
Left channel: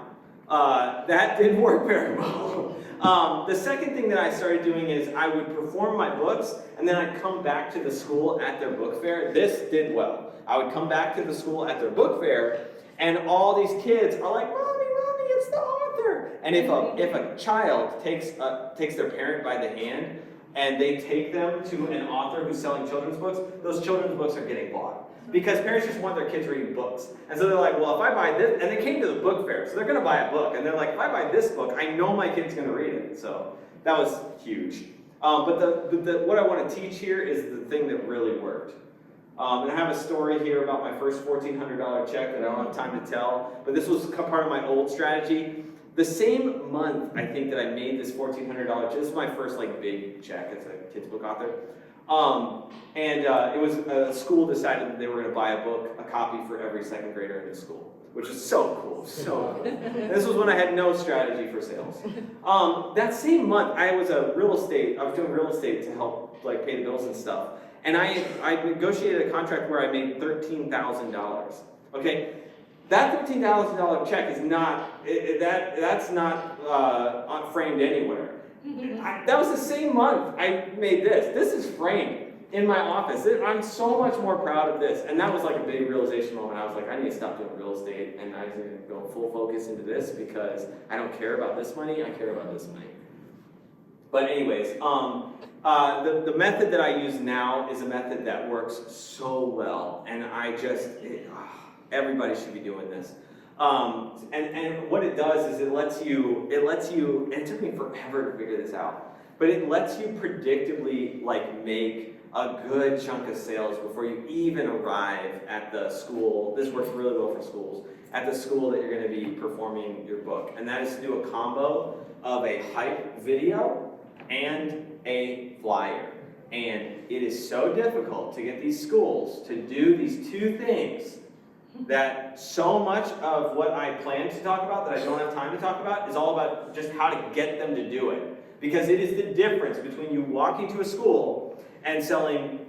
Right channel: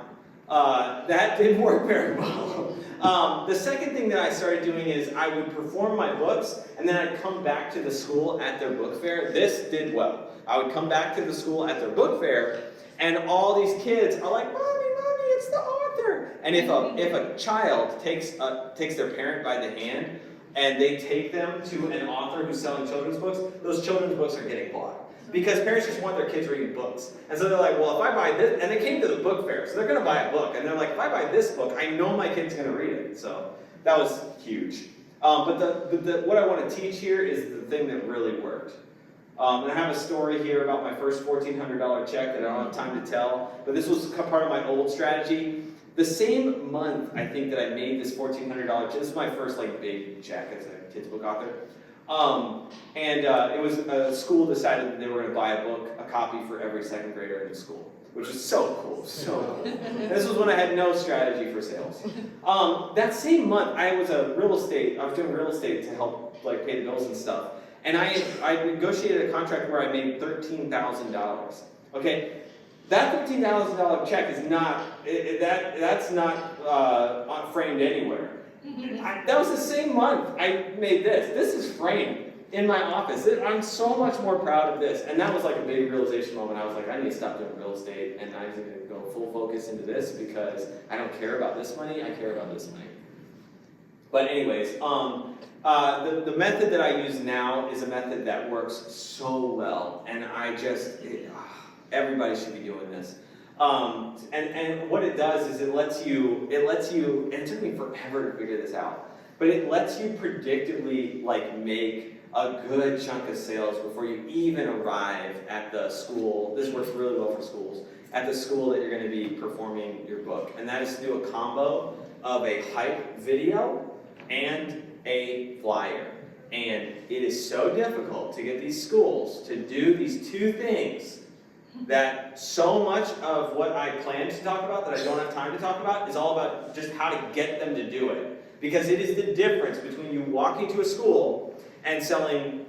That didn't work very well. The second thing that I started doing is I would perform my books, and then I'd come back to the school at their book fair. This did well. I would come back to the school at their book fair, and all these kids are like, "Mommy, Mommy, it's the author!" And if a child takes their parent by the hand, and they take them to an author who's selling children's books, those children's books are getting bought. Because parents just want their kids reading books. And so they're like, well, if I buy this, and they came to the book fair, so they're going to buy a book. And they're like, if I buy this book, I know my kid's going to read it. So that was huge. But what I want to teach here is the thing that really worked. And I have a story here about my first $1,400 check that I don't have time to tell. But this was part of my old strategy. The same month, I think, that I made this $1,400 check. This is my first big check as a kids book author. It was a school decided that they were going to buy a copy for every second grader in the school, which is so cool, so cool. This was when I had no strategy for sales. That same month, I was doing real estate to help pay the bills and stuff, and I negotiated a contract where I made $13,000. Okay, that $13,000 check is not that's not framed anywhere. That was the same month I made this. This is framed in my office. I'm so much more proud of this. And that was a big realization moment. I was like, I need to stop doing real estate, and I was going to go full focus into this because I don't care about this money, I care about this money. But anyways, the method that I use now is a method that works so well, and everybody should be doing this. And what it does is it lets you, and it took me forever to figure this out, but it lets you predictably make a good chunk of sales before you even arrive at the school. This works really well for schools. At the school that you're going to be performing your book. And that is to do a combo of a hype video and a flyer. And it is so difficult to get these schools to do these two things that so much of what I plan to talk about that I don't have time to talk about is all about just how to get them to do it. Because it is the difference between you walking to a school and selling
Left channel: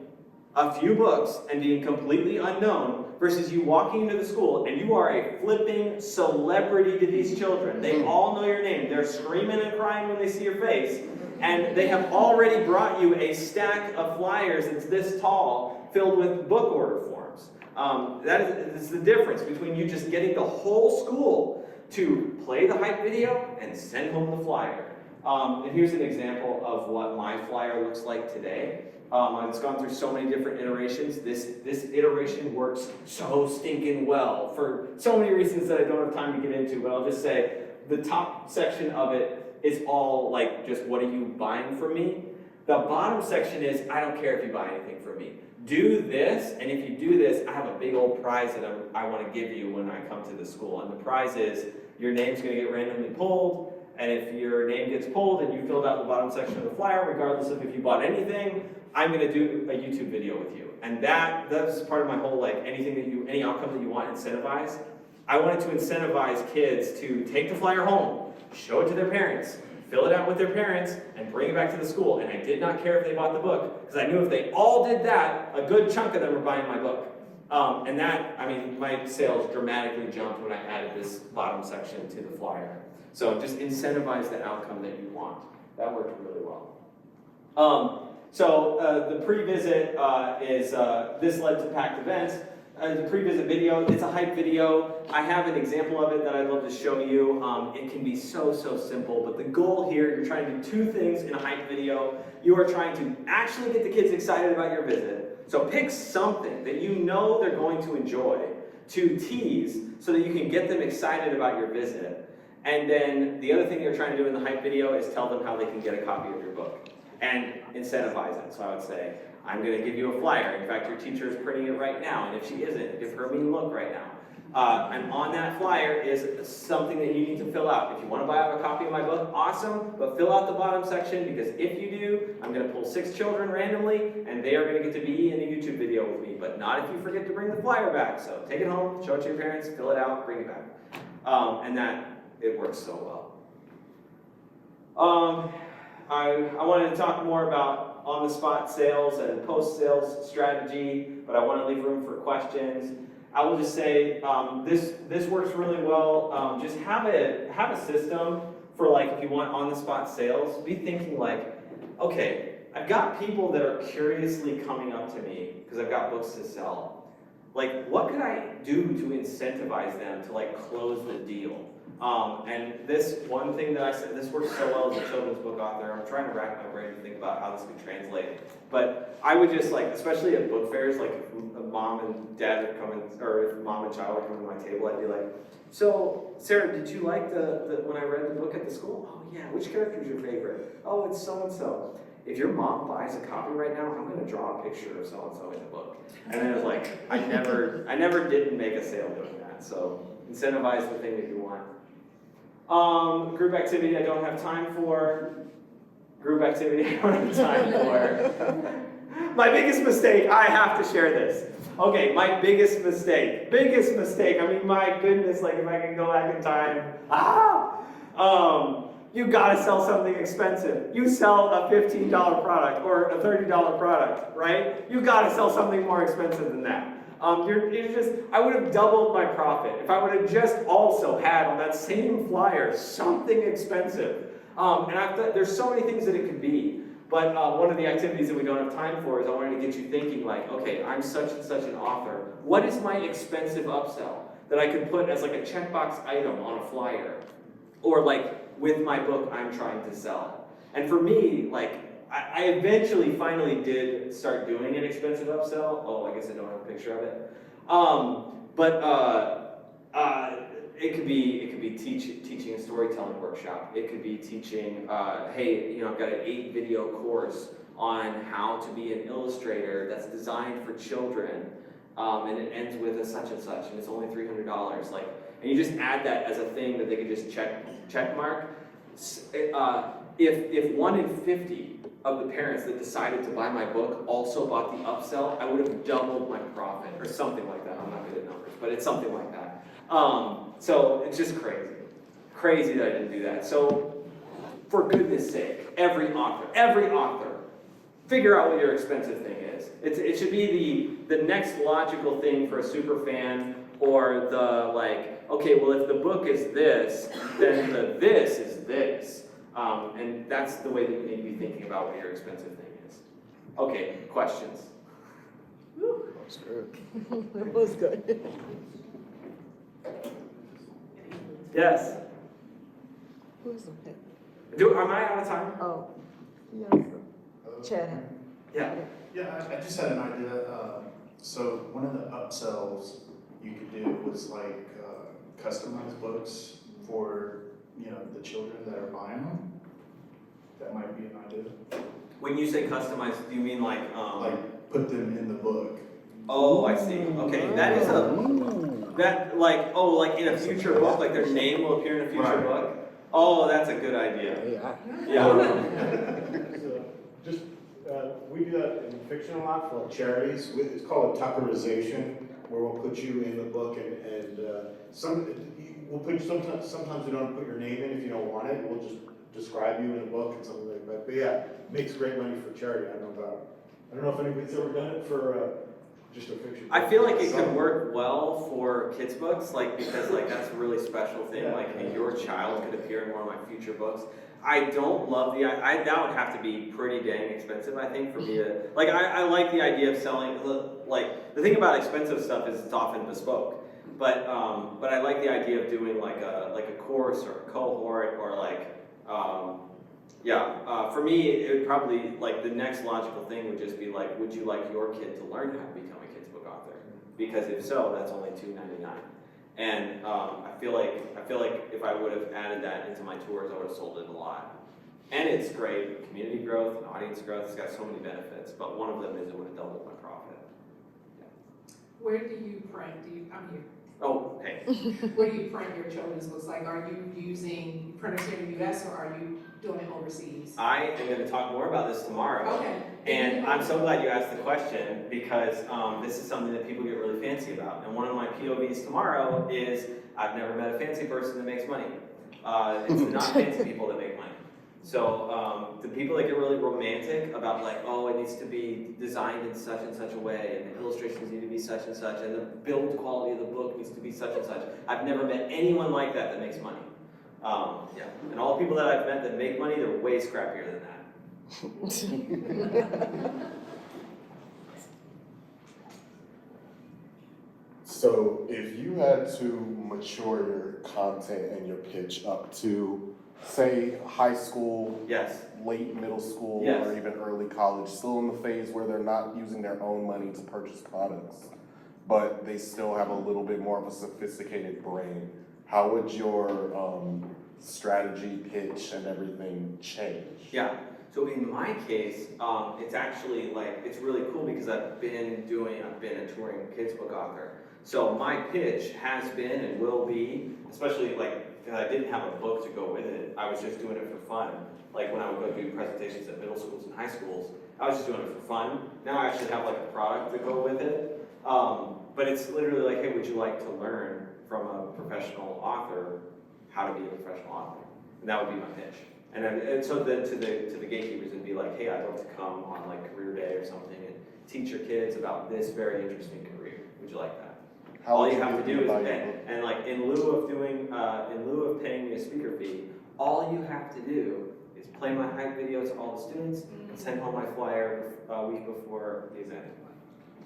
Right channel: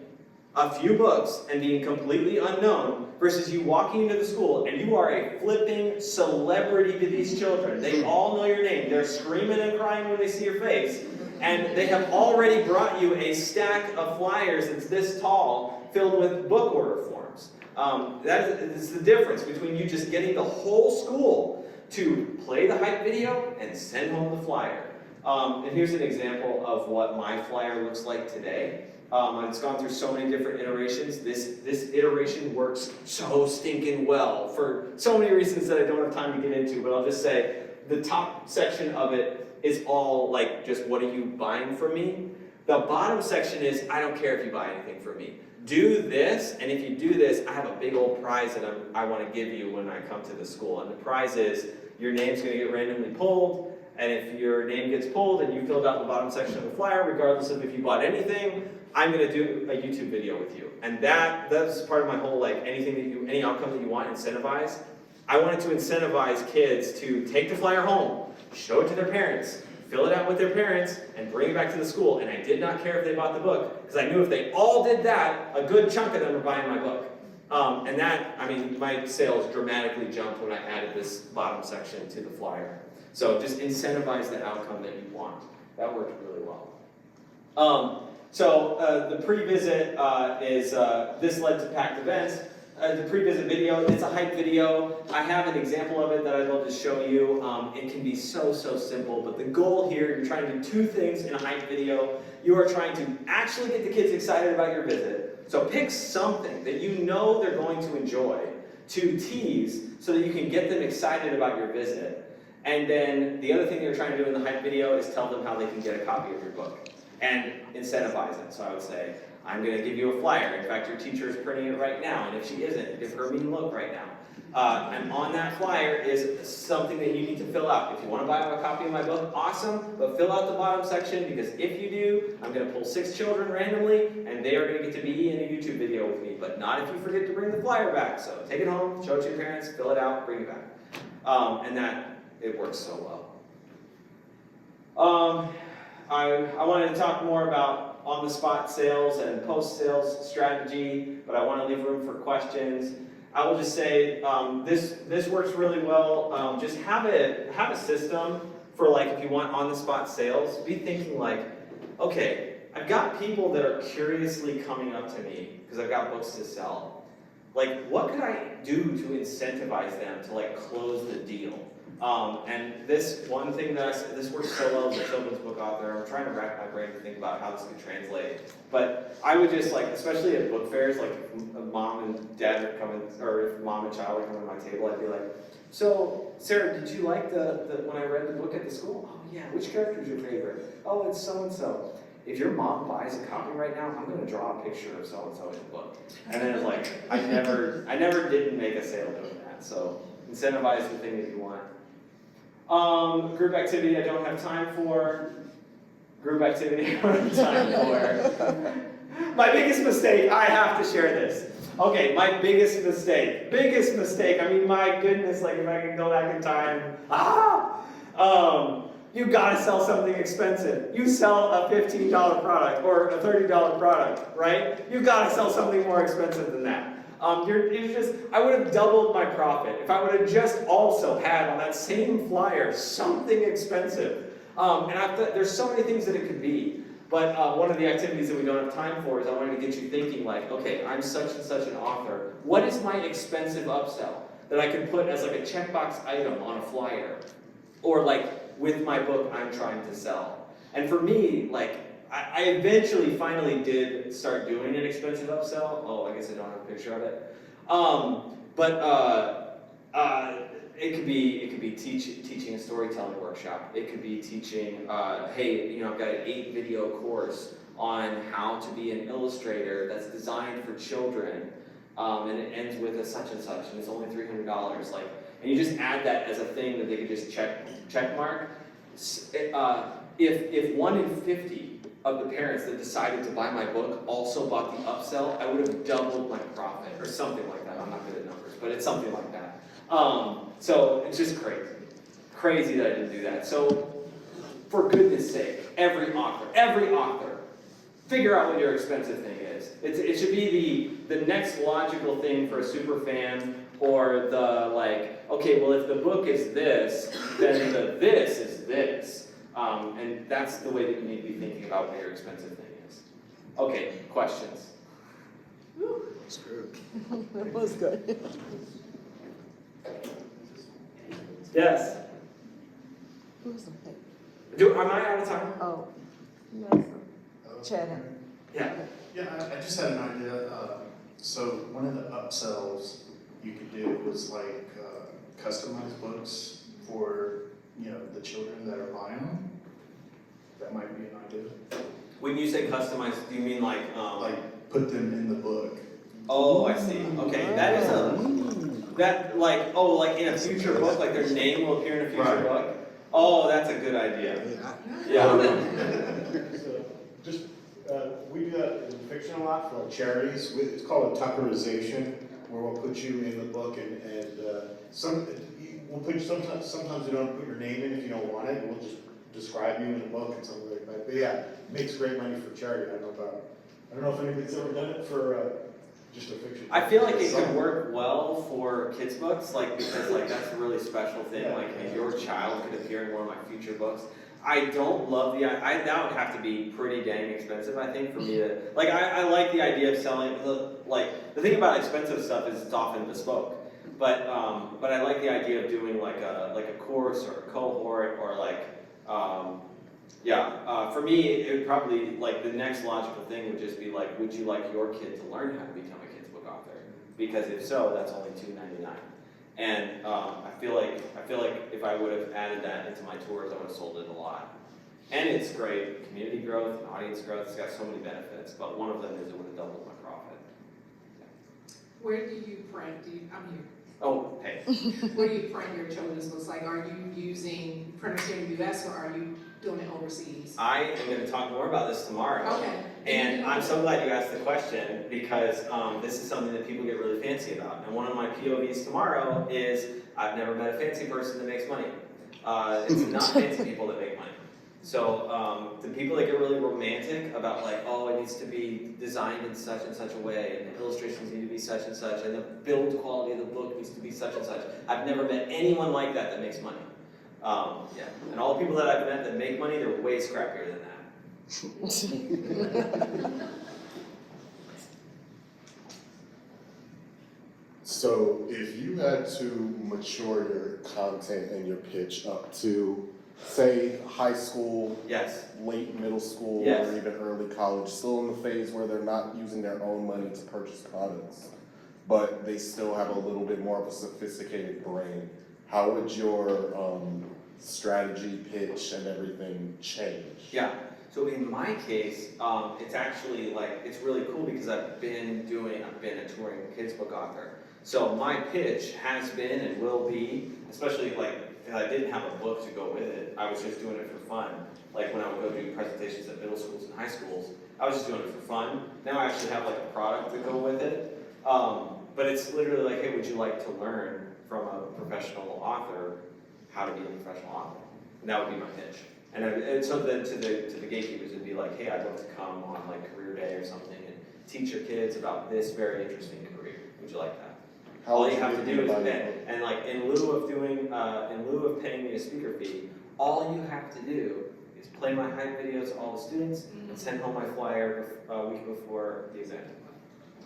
a few books and being completely unknown versus you walking into the school and you are a flipping celebrity to these children. They all know your name. They're screaming and crying when they see your face. And they have already brought you a stack of flyers that's this tall filled with book order forms. That is the difference between you just getting the whole school to play the hype video and send home the flyer. And here's an example of what my flyer looks like today. It's gone through so many different iterations. This iteration works so stinking well for so many reasons that I don't have time to get into, but I'll just say the top section of it is all just what are you buying from me? The bottom section is I don't care if you buy anything from me. Do this, and if you do this, I have a big old prize that I want to give you when I come to the school. And the prize is your name's going to get randomly pulled, and if your name gets pulled and you filled out the bottom section of the flyer, regardless of if you bought anything, I'm going to do a YouTube video with you. And that's part of my whole any outcome that you want, incentivize. I wanted to incentivize kids to take the flyer home, show it to their parents, fill it out with their parents, and bring it back to the school. And I did not care if they bought the book, because I knew if they all did that, a good chunk of them were buying my book. My sales dramatically jumped when I added this bottom section to the flyer. So just incentivize the outcome that you want. That worked really well. The pre-visit is, this led to packed events. The pre-visit video, it's a hype video. I have an example of it that I'd love to show you. It can be so simple, but the goal here, you're trying to do two things in a hype video. You are trying to actually get the kids excited about your visit. So pick something that you know they're going to enjoy to tease so that you can get them excited about your visit. And then the other thing you're trying to do in the hype video is tell them how they can get a copy of your book and incentivize it. So I would say, I'm going to give you a flyer. In fact, your teacher is printing it right now, and if she isn't, give her a mean look right now. And on that flyer is something that you need to fill out. If you want to buy a copy of my book, awesome, but fill out the bottom section, because if you do, I'm going to pull 6 children randomly, and they are going to get to be in a YouTube video with me, but not if you forget to bring the flyer back. So take it home, show it to your parents, fill it out, bring it back. It works so well. I wanted to talk more about on-the-spot sales and post-sales strategy, but I want to leave room for questions. I will just say this works really well. Just have a system for like if you want on-the-spot sales. Be thinking like, okay, I've got people that are curiously coming up to me because I've got books to sell. Like, what could I do to incentivize them to like close the deal? And this one thing that I said, this works so well as a children's book author. I'm trying to rack my brain to think about how this could translate. But I would just like, especially at book fairs, like if mom and dad would come in, or if mom and child would come to my table, I'd be like, so Sarah, did you like the when I read the book at the school? Oh yeah, which character is your favorite? Oh, it's so-and-so. If your mom buys a copy right now, I'm gonna draw a picture of so-and-so in the book. And then it's like, I never didn't make a sale doing that. So incentivize the thing that you want. Group activity I don't have time for. Group activity I don't have time for. My biggest mistake, I have to share this. Okay, my biggest mistake. I mean, my goodness, like if I can go back in time. You gotta sell something expensive. You sell a $15 product or a $30 product, right? You gotta sell something more expensive than that. I would have doubled my profit if I would have just also had on that same flyer something expensive. There's so many things that it could be. But one of the activities that we don't have time for is I wanted to get you thinking like, okay, I'm such and such an author. What is my expensive upsell that I could put as like a checkbox item on a flyer? Or like with my book I'm trying to sell. And for me, like, I eventually finally did start doing an expensive upsell. Oh, I guess I don't have a picture of it. It could be teaching a storytelling workshop. It could be teaching, hey, I've got an 8-video course on how to be an illustrator that's designed for children, and it ends with a such and such, and it's only $300. Like, and you just add that as a thing that they could just check mark. If 1 in 50 of the parents that decided to buy my book also bought the upsell, I would have doubled my profit, or something like that. I'm not good at numbers, but it's something like that. So it's just crazy that I didn't do that. So for goodness sake, every author, figure out what your expensive thing is. It should be the next logical thing for a super fan, or the like, okay, well if the book is this, then the this is this. And that's the way that you need to be thinking about what your expensive thing is. Okay, questions? That was good. Yes? Who's the pick? Am I out of time? Oh, yes. Chad. Yeah. Yeah, I just had an idea. So one of the upsells you could do was like customize books for the children that are buying them. That might be an idea. When you say customize, do you mean like Like put them in the book. Oh, I see. Okay, that is like in a future book, like their name will appear in a future book. Oh, that's a good idea. Yeah. We do that in fiction a lot for like charities. It's called a Tuckerization, where we'll put you in the book and we'll put you, sometimes we don't put your name in if you don't want it. We'll just describe you in the book and something like that. But yeah, it makes great money for charity. I don't know if anybody's ever done it for just a fiction. I feel like it could work well for kids' books, like because like that's a really special thing. Yeah. Like your child could appear in one of my future books. I don't love that would have to be pretty dang expensive, I think, for me to like. I like the idea of selling. Like the thing about expensive stuff is it's often bespoke. But I like the idea of doing like a course or a cohort or like for me it would probably like the next logical thing would just be like, would you like your kid to learn how to become a kids book author? Because if so, that's only $2.99. And I feel like if I would have added that into my tours, I would have sold it a lot. And it's great, community growth and audience growth. It's got so many benefits, but one of them is it would have doubled my profit. Where do you print? Oh, hey. Where do you print your children's books? Like, are you using printers here in the U.S. or are you doing it overseas? I am going to talk more about this tomorrow. Okay. And I'm so glad you asked the question because this is something that people get really fancy about. And one of my POVs tomorrow is I've never met a fancy person that makes money. It's not fancy people that make money. So the people that get really romantic about like, oh, it needs to be designed in such and such a way, and the illustrations need to be such and such, and the build quality of the book needs to be such and such. I've never met anyone like that makes money. Yeah, and all the people that I've met that make money, they're way scrappier than that. So if you had to mature your content and your pitch up to, say, high school, Yes. late middle school, Yes. or even early college, still in the phase where they're not using their own money to purchase products, but they still have a little bit more of a sophisticated brain, how would your strategy, pitch, and everything change? Yeah. So in my case, it's actually like, it's really cool because I've been a touring kids book author. So my pitch has been and will be, especially like, because I didn't have a book to go with it, I was just doing it for fun. Like when I would go do presentations at middle schools and high schools, I was just doing it for fun. Now I actually have like a product to go with it. But it's literally like, hey, would you like to learn from a professional author how to be a professional author? And that would be my pitch. And so then to the gatekeepers, it'd be like, hey, I'd love to come on like career day or something and teach your kids about this very interesting career. Would you like that? All you have to do is and like in lieu of paying me a speaker fee, all you have to do is play my hype videos to all the students and send home my flyer a week before the exam.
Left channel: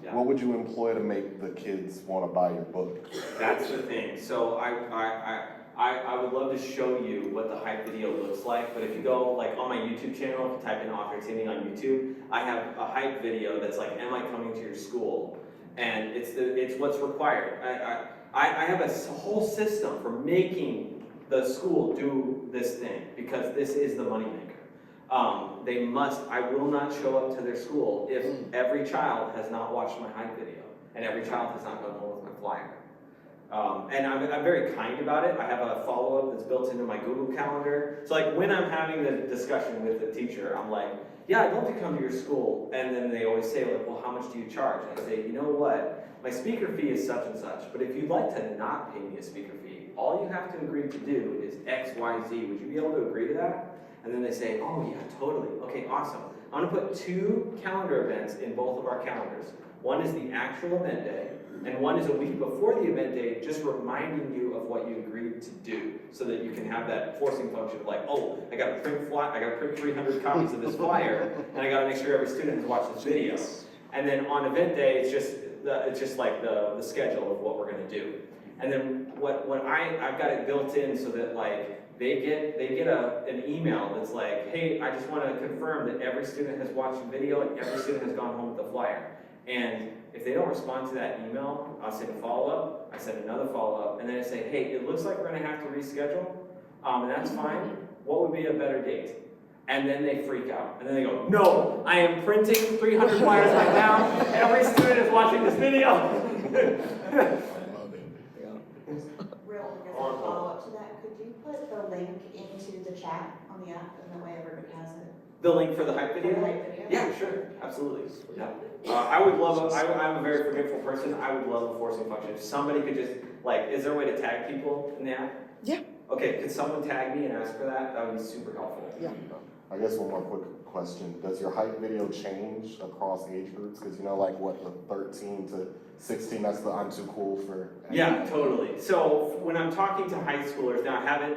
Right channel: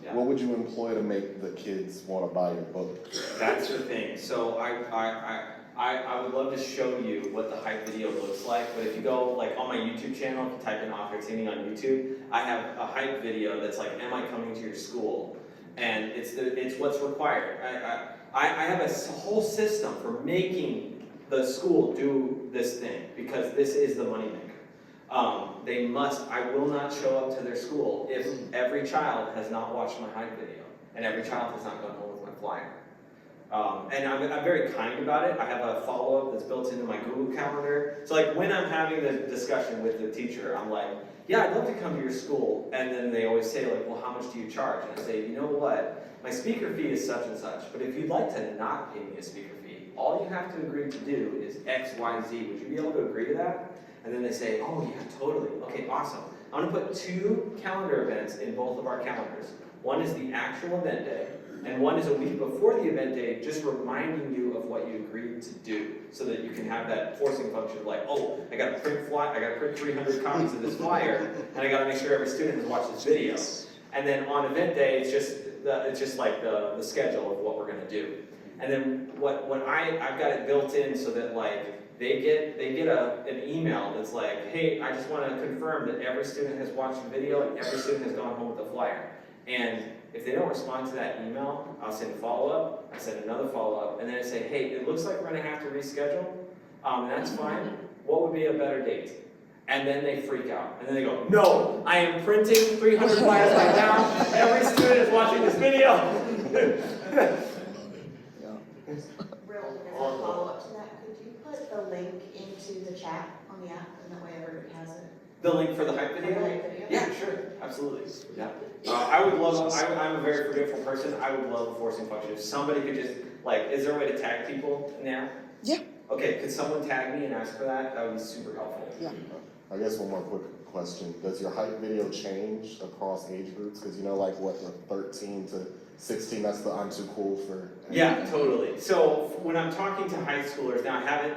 Yeah. What would you employ to make the kids want to buy your book? That's the thing. So I would love to show you what the hype video looks like, but if you go like on my YouTube channel, if you type in Author Timmy on YouTube, I have a hype video that's like, am I coming to your school? And it's what's required. I have a whole system for making the school do this thing because this is the moneymaker. I will not show up to their school if every child has not watched my hype video and every child has not gone home with my flyer. And I'm very kind about it. I have a follow-up that's built into my Google Calendar. So like when I'm having the discussion with the teacher, I'm like, yeah, I'd love to come to your school. And then they always say like, well, how much do you charge? And I say, you know what? My speaker fee is such and such, but if you'd like to not pay me a speaker fee, all you have to agree to do is X, Y, Z. Would you be able to agree to that? And then they say, oh yeah, totally. Okay, awesome. I'm gonna put 2 calendar events in both of our calendars. One is the actual event day, and one is a week before the event day, just reminding you of what you agreed to do, so that you can have that forcing function of like, oh, I gotta print 300 copies of this flyer, and I gotta make sure every student has watched this video. And then on event day, it's just like the schedule of what we're gonna do. And then I've got it built in so that like they get an email that's like, hey, I just want to confirm that every student has watched the video and every student has gone home with the flyer. And if they don't respond to that email, I'll send a follow-up, I send another follow-up, and then I say, hey, it looks like we're going to have to reschedule, and that's fine. What would be a better date? And then they freak out. And then they go, no, I am printing 300 flyers right now. Every student is watching this video. Real, as a follow-up to that, could you put the link into the chat on the app, and that way everybody has it? The link for the hype video? For the hype video? Yeah, sure, absolutely. Yeah. I would love, I'm a very forgetful person, I would love a forcing function. If somebody could just, like, is there a way to tag people in the app? Yeah. Okay, could someone tag me and ask for that? That would be super helpful. Yeah. I guess one more quick question. Does your hype video change across age groups? Because you know, like what, the 13 to 16, that's the I'm too cool for. Yeah, totally. So when I'm talking to high schoolers, now I haven't,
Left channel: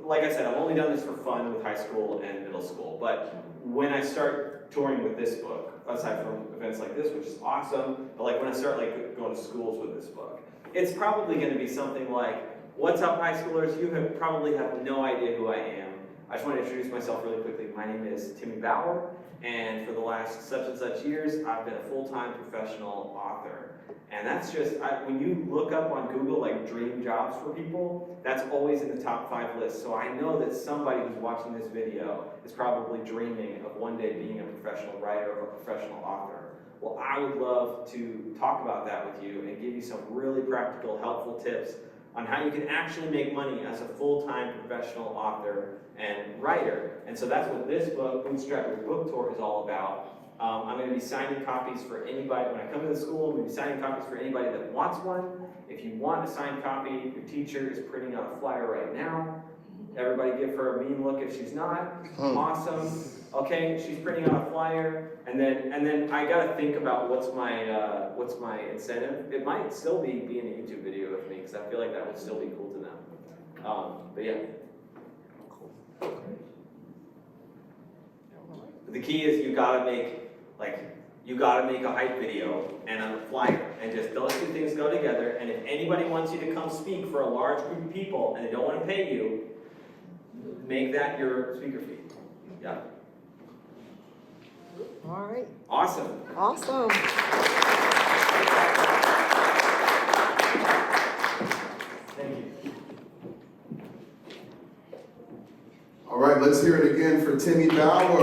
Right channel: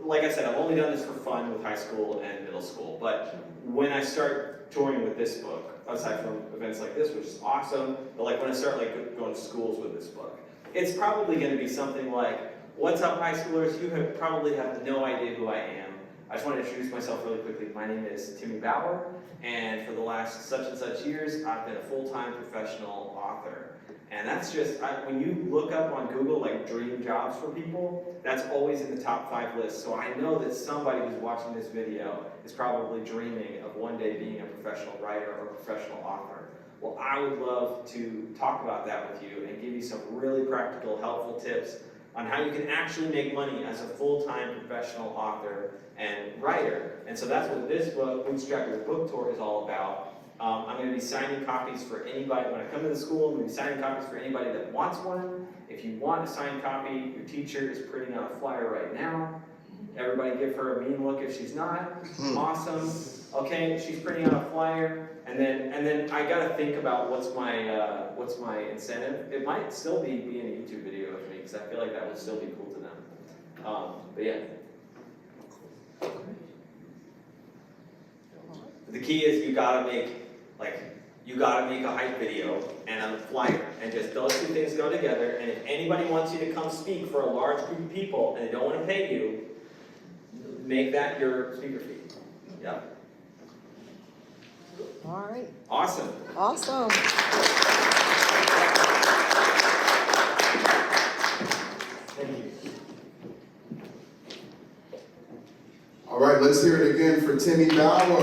like I said, I've only done this for fun with high school and middle school, but when I start touring with this book, aside from events like this, which is awesome, but like when I start like going to schools with this book, it's probably going to be something like, what's up high schoolers, you probably have no idea who I am. I just want to introduce myself really quickly. My name is Timmy Bauer, and for the last such and such years, I've been a full-time professional author. And that's just, when you look up on Google, like dream jobs for people, that's always in the top 5 list. So I know that somebody who's watching this video is probably dreaming of one day being a professional writer or a professional author. Well, I would love to talk about that with you and give you some really practical, helpful tips on how you can actually make money as a full-time professional author and writer. And so that's what this book, Bootstrap Your Book Tour, is all about. I'm going to be signing copies for anybody. When I come to the school, I'm going to be signing copies for anybody that wants one. If you want a signed copy, your teacher is printing out a flyer right now. Everybody give her a mean look if she's not. Awesome. Okay, she's printing out a flyer, and then I gotta think about what's my incentive. It might still be being a YouTube video with me, because I feel like that would still be cool to them. But yeah. The key is you gotta make a hype video and a flyer, and just those two things go together. And if anybody wants you to come speak for a large group of people and they don't want to pay you, make that your speaker fee. Yeah. All right, Awesome. awesome. Thank you. All right, let's hear it again for Timmy Bauer.